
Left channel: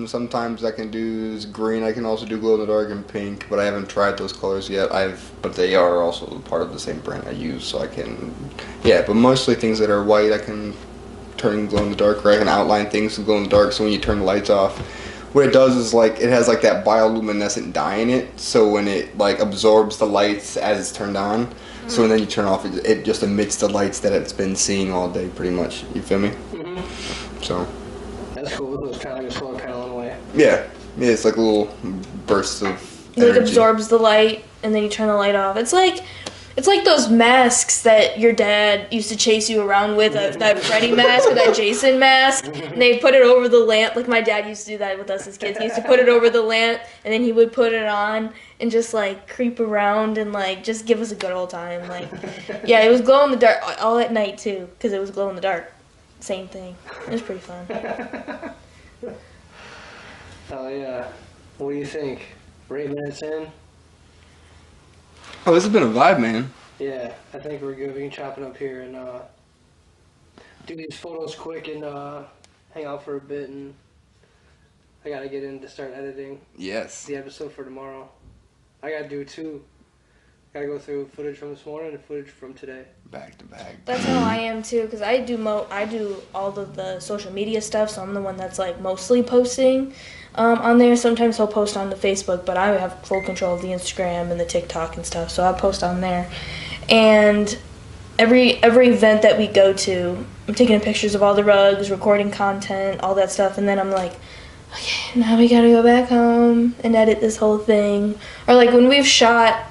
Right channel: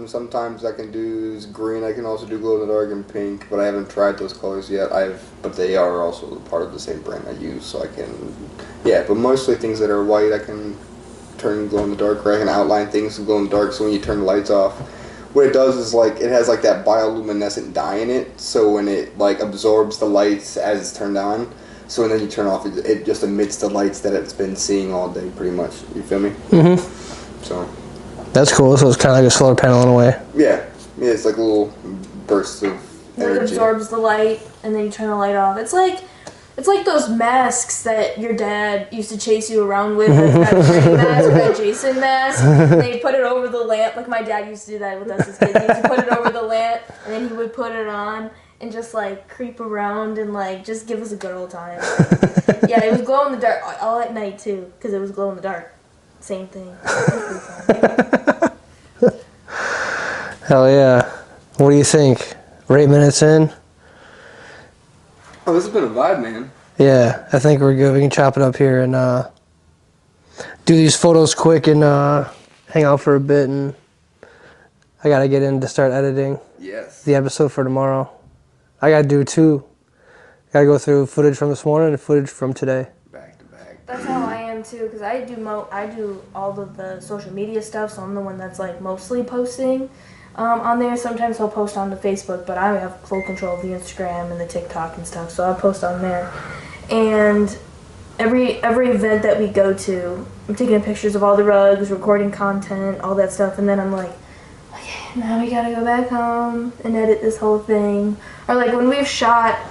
Sometimes I can do green. I can also do glow in the dark and pink, but I haven't tried those colors yet. But they are also part of the same brand I use, so I can. Yeah, but mostly things that are white, I can turn glow in the dark, or I can outline things to glow in the dark. So when you turn the lights off, what it does is like it has like that bioluminescent dye in it. So when it like absorbs the lights as it's turned on, so when then you turn off, it just emits the lights that it's been seeing all day, pretty much. You feel me? Mm-hmm. So. That's cool. So it's kind of like a solar panel in a way. Yeah, it's like a little burst of energy. It absorbs the light, and then you turn the light off. It's like those masks that your dad used to chase you around with, that Freddy mask or that Jason mask. And they put it over the lamp. Like my dad used to do that with us as kids. He used to put it over the lamp, and then he would put it on and just like creep around and like just give us a good old time. Like, yeah, it was glow in the dark all at night too, because it was glow in the dark. Same thing. It was pretty fun. Hell yeah. What do you think? We're 8 minutes in. Oh, this has been a vibe, man. Yeah, I think we're good. We can chop it up here and do these photos quick and hang out for a bit. And I gotta get in to start editing Yes. the episode for tomorrow. I gotta do two. Gotta go through footage from this morning and footage from today. Back to back. That's how I am too, because I do all of the social media stuff, so I'm the one that's like mostly posting on there. Sometimes I'll post on the Facebook, but I have full control of the Instagram and the TikTok and stuff, so I post on there. And every event that we go to, I'm taking pictures of all the rugs, recording content, all that stuff, and then I'm like, okay, now we gotta go back home and edit this whole thing. Or like when we've shot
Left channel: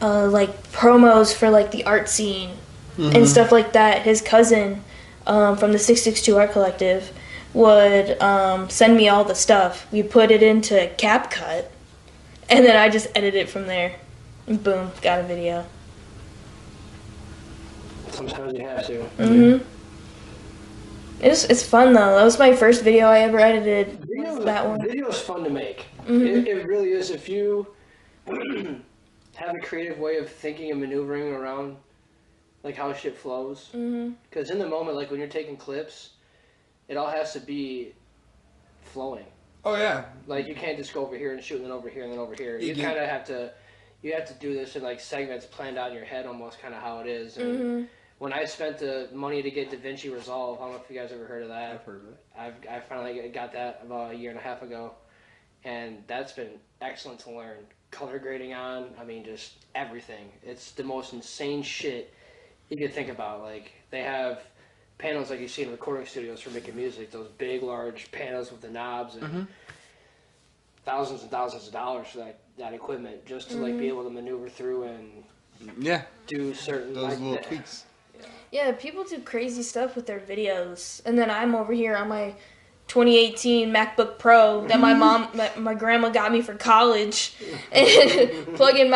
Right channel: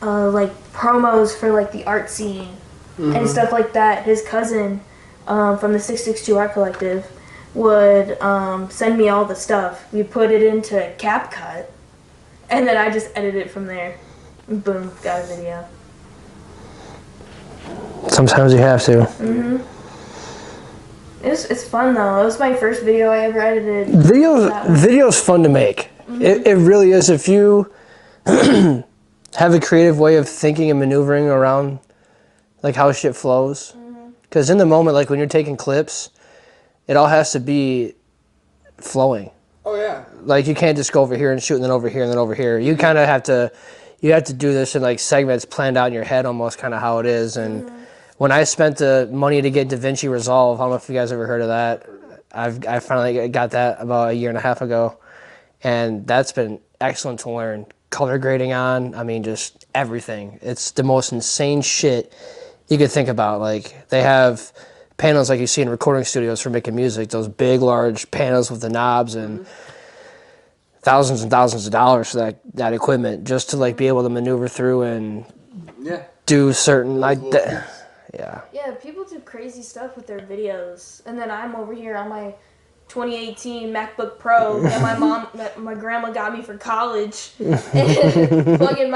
like promos for like the art scene and stuff like that, his cousin from the 662 Art Collective would send me all the stuff. We put it into CapCut, and then I just edit it from there. And boom, got a video. Sometimes you have to. Mhm. It's fun though. That was my first video I ever edited. Video's fun to make. It really is. If you have a creative way of thinking and maneuvering around like how shit flows, because in the moment, like when you're taking clips, it all has to be flowing. Oh yeah. Like you can't just go over here and shoot and then over here and then over here. You kind of have to, do this in like segments planned out in your head, almost kind of how it is. And when I spent the money to get DaVinci Resolve, I don't know if you guys ever heard of that. I finally got that about a year and a half ago, and that's been excellent to learn. Color grading on, I mean, just everything. It's the most insane shit you could think about. Like they have panels like you see in recording studios for making music, those big, large panels with the knobs and thousands and thousands of dollars for that equipment just to like be able to maneuver through and do certain Yeah, people do crazy stuff with their videos, and then I'm over here on my 2018 MacBook Pro that my grandma got me for college, and plugging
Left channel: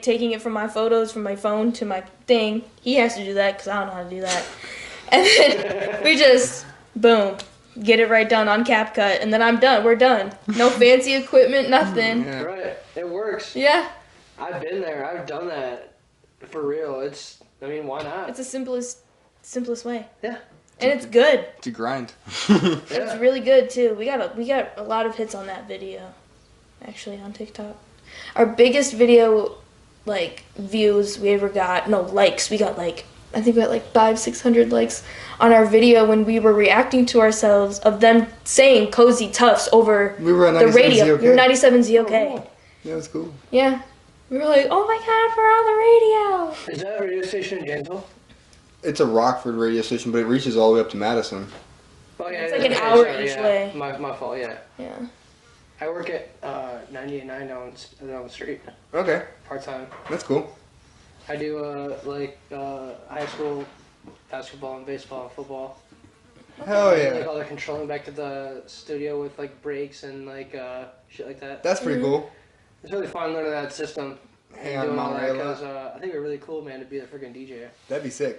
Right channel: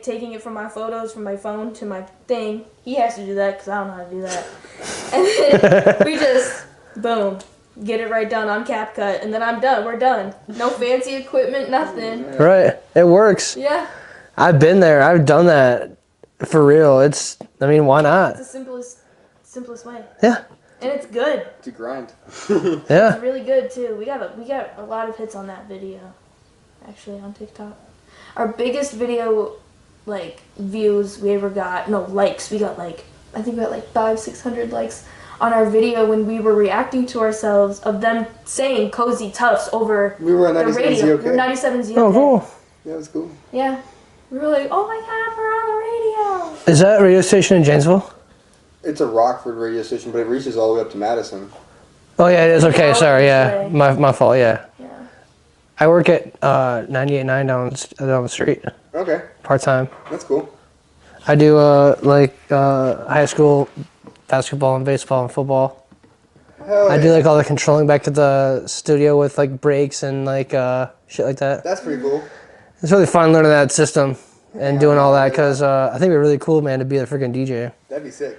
taking it from my photos from my phone to my thing. He has to do that because I don't know how to do that. And then we just, boom, get it right done on CapCut, and then I'm done. We're done. No fancy equipment, nothing. Yeah. Right. It works. Yeah. I've been there. I've done that for real. Why not? It's the simplest way. Yeah. And it's good. It's a grind. Yeah. It's really good too. We got a lot of hits on that video, actually, on TikTok. Our biggest video, like, views we ever got, likes. I think we got like 500-600 likes on our video when we were reacting to ourselves of them saying Cozy Tuffs over We were on the 97 radio. ZOK. We were 97 ZOK. Oh, cool. Yeah, it was cool. Yeah. We were like, oh my god, we're on the radio. Is that a radio station in Janesville? It's a Rockford radio station, but it reaches all the way up to Madison. Oh, yeah, it is. like an Okay, hour sorry, each yeah. way. My fault, yeah. Yeah. I work at 98.9 down the street, Okay, part-time. that's cool. I do, high school basketball and baseball and football. Hell yeah. I do, like, all the controlling back to the studio with, like, breaks and, like, shit like that. That's pretty cool. It's really fun learning that system and Yeah, doing all that I because I think it'd be really cool, man, to be a freaking DJ. That'd be sick.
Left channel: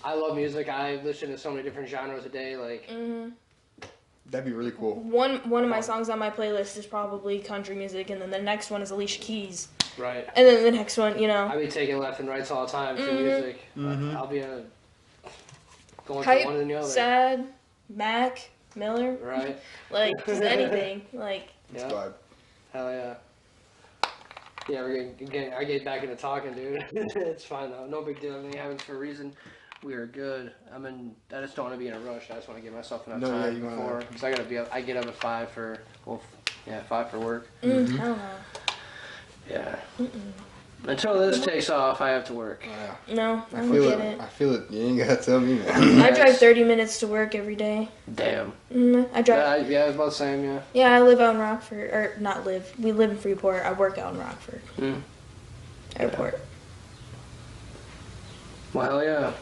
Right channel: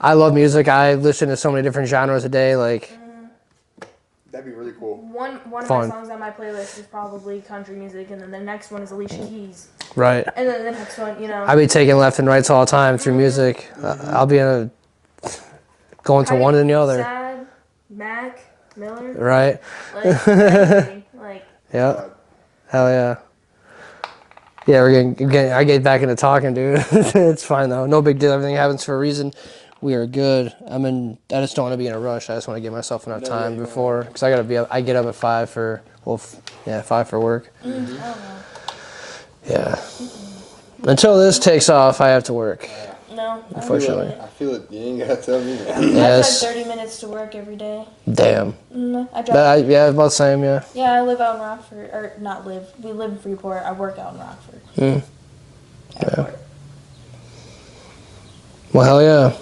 I love music. I listen to so many different genres a day. Like, That'd be really cool. One of my Fun. songs on my playlist is probably country music, and then the next one is Alicia Keys. right. And then the next one, I be taking left and rights all the time through music. I'll be going to Type, one and the other. Sad, Mac, Miller, Right. like anything. Like, Yeah. Hell yeah. Yeah, I get back into talking, dude. It's fine though. No big deal. Everything happens for a reason. We are good. I just don't want to be in a rush. I just want to give myself enough time before, because I get up at 5 for 5 for work. I don't know. Yeah. Until this takes off, I have to work. No, I don't Unfortunately. get it. I feel it. You ain't gotta tell me. I drive Yes. 30 minutes to work every day. Damn. I drive. Yeah, about the same, yeah. Yeah, I live out in Rockford, or not live. We live in Freeport. I work out in Rockford. Airport. Well, hell yeah.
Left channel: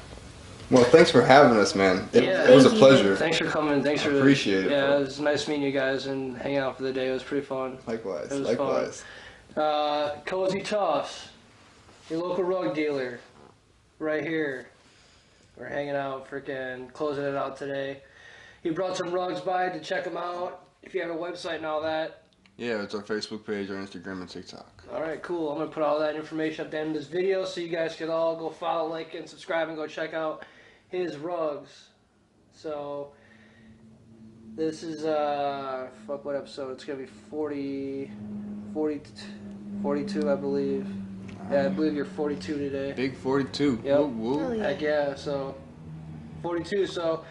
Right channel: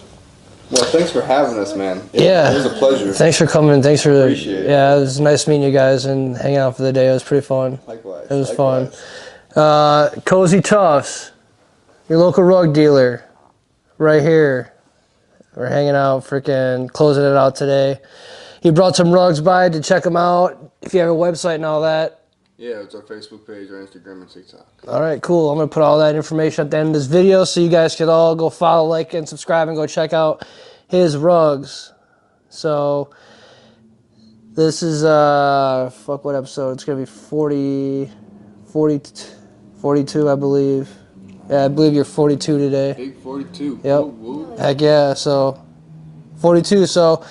Well, thanks for having us, man. Yeah. It was a pleasure. Thanks for coming. Thanks for Appreciate it. Yeah, it was nice meeting you guys and hanging out for the day. It was pretty fun. Likewise. It was likewise. fun. Cozy Tuffs, your local rug dealer, right here. We're hanging out, freaking closing it out today. He brought some rugs by to check them out. If you have a website and all that. Yeah, it's our Facebook page, our Instagram, and TikTok. All right, cool. I'm going to put all that information at the end of this video so you guys could all go follow, like, and subscribe and go check out his rugs. So, this is, what episode? It's going to be 42, I believe. Yeah, I believe you're 42 today. Big 42. Yep. Woo. Heck yeah, so 42. So,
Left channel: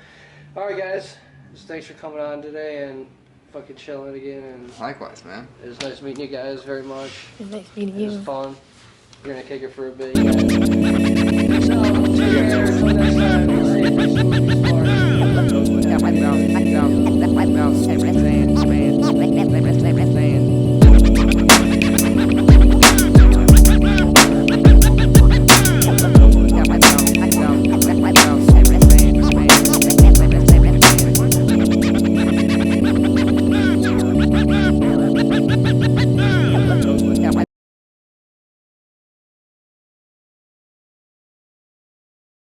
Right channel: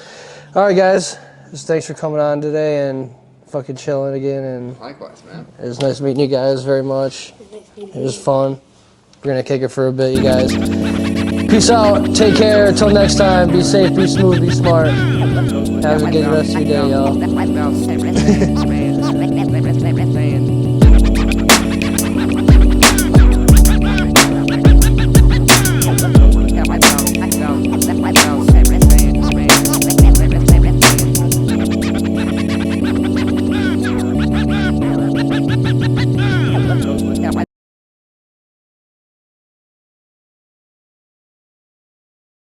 all right, guys. Just thanks for coming on today and fucking chilling again. And Likewise, man. it was nice meeting you guys very much. Nice meeting It was you. fun. We're going to kick it for a bit, you guys. Peace out. Take care. Until next time. Be safe, be smooth, be smart. Have a good rest of your day, y'all.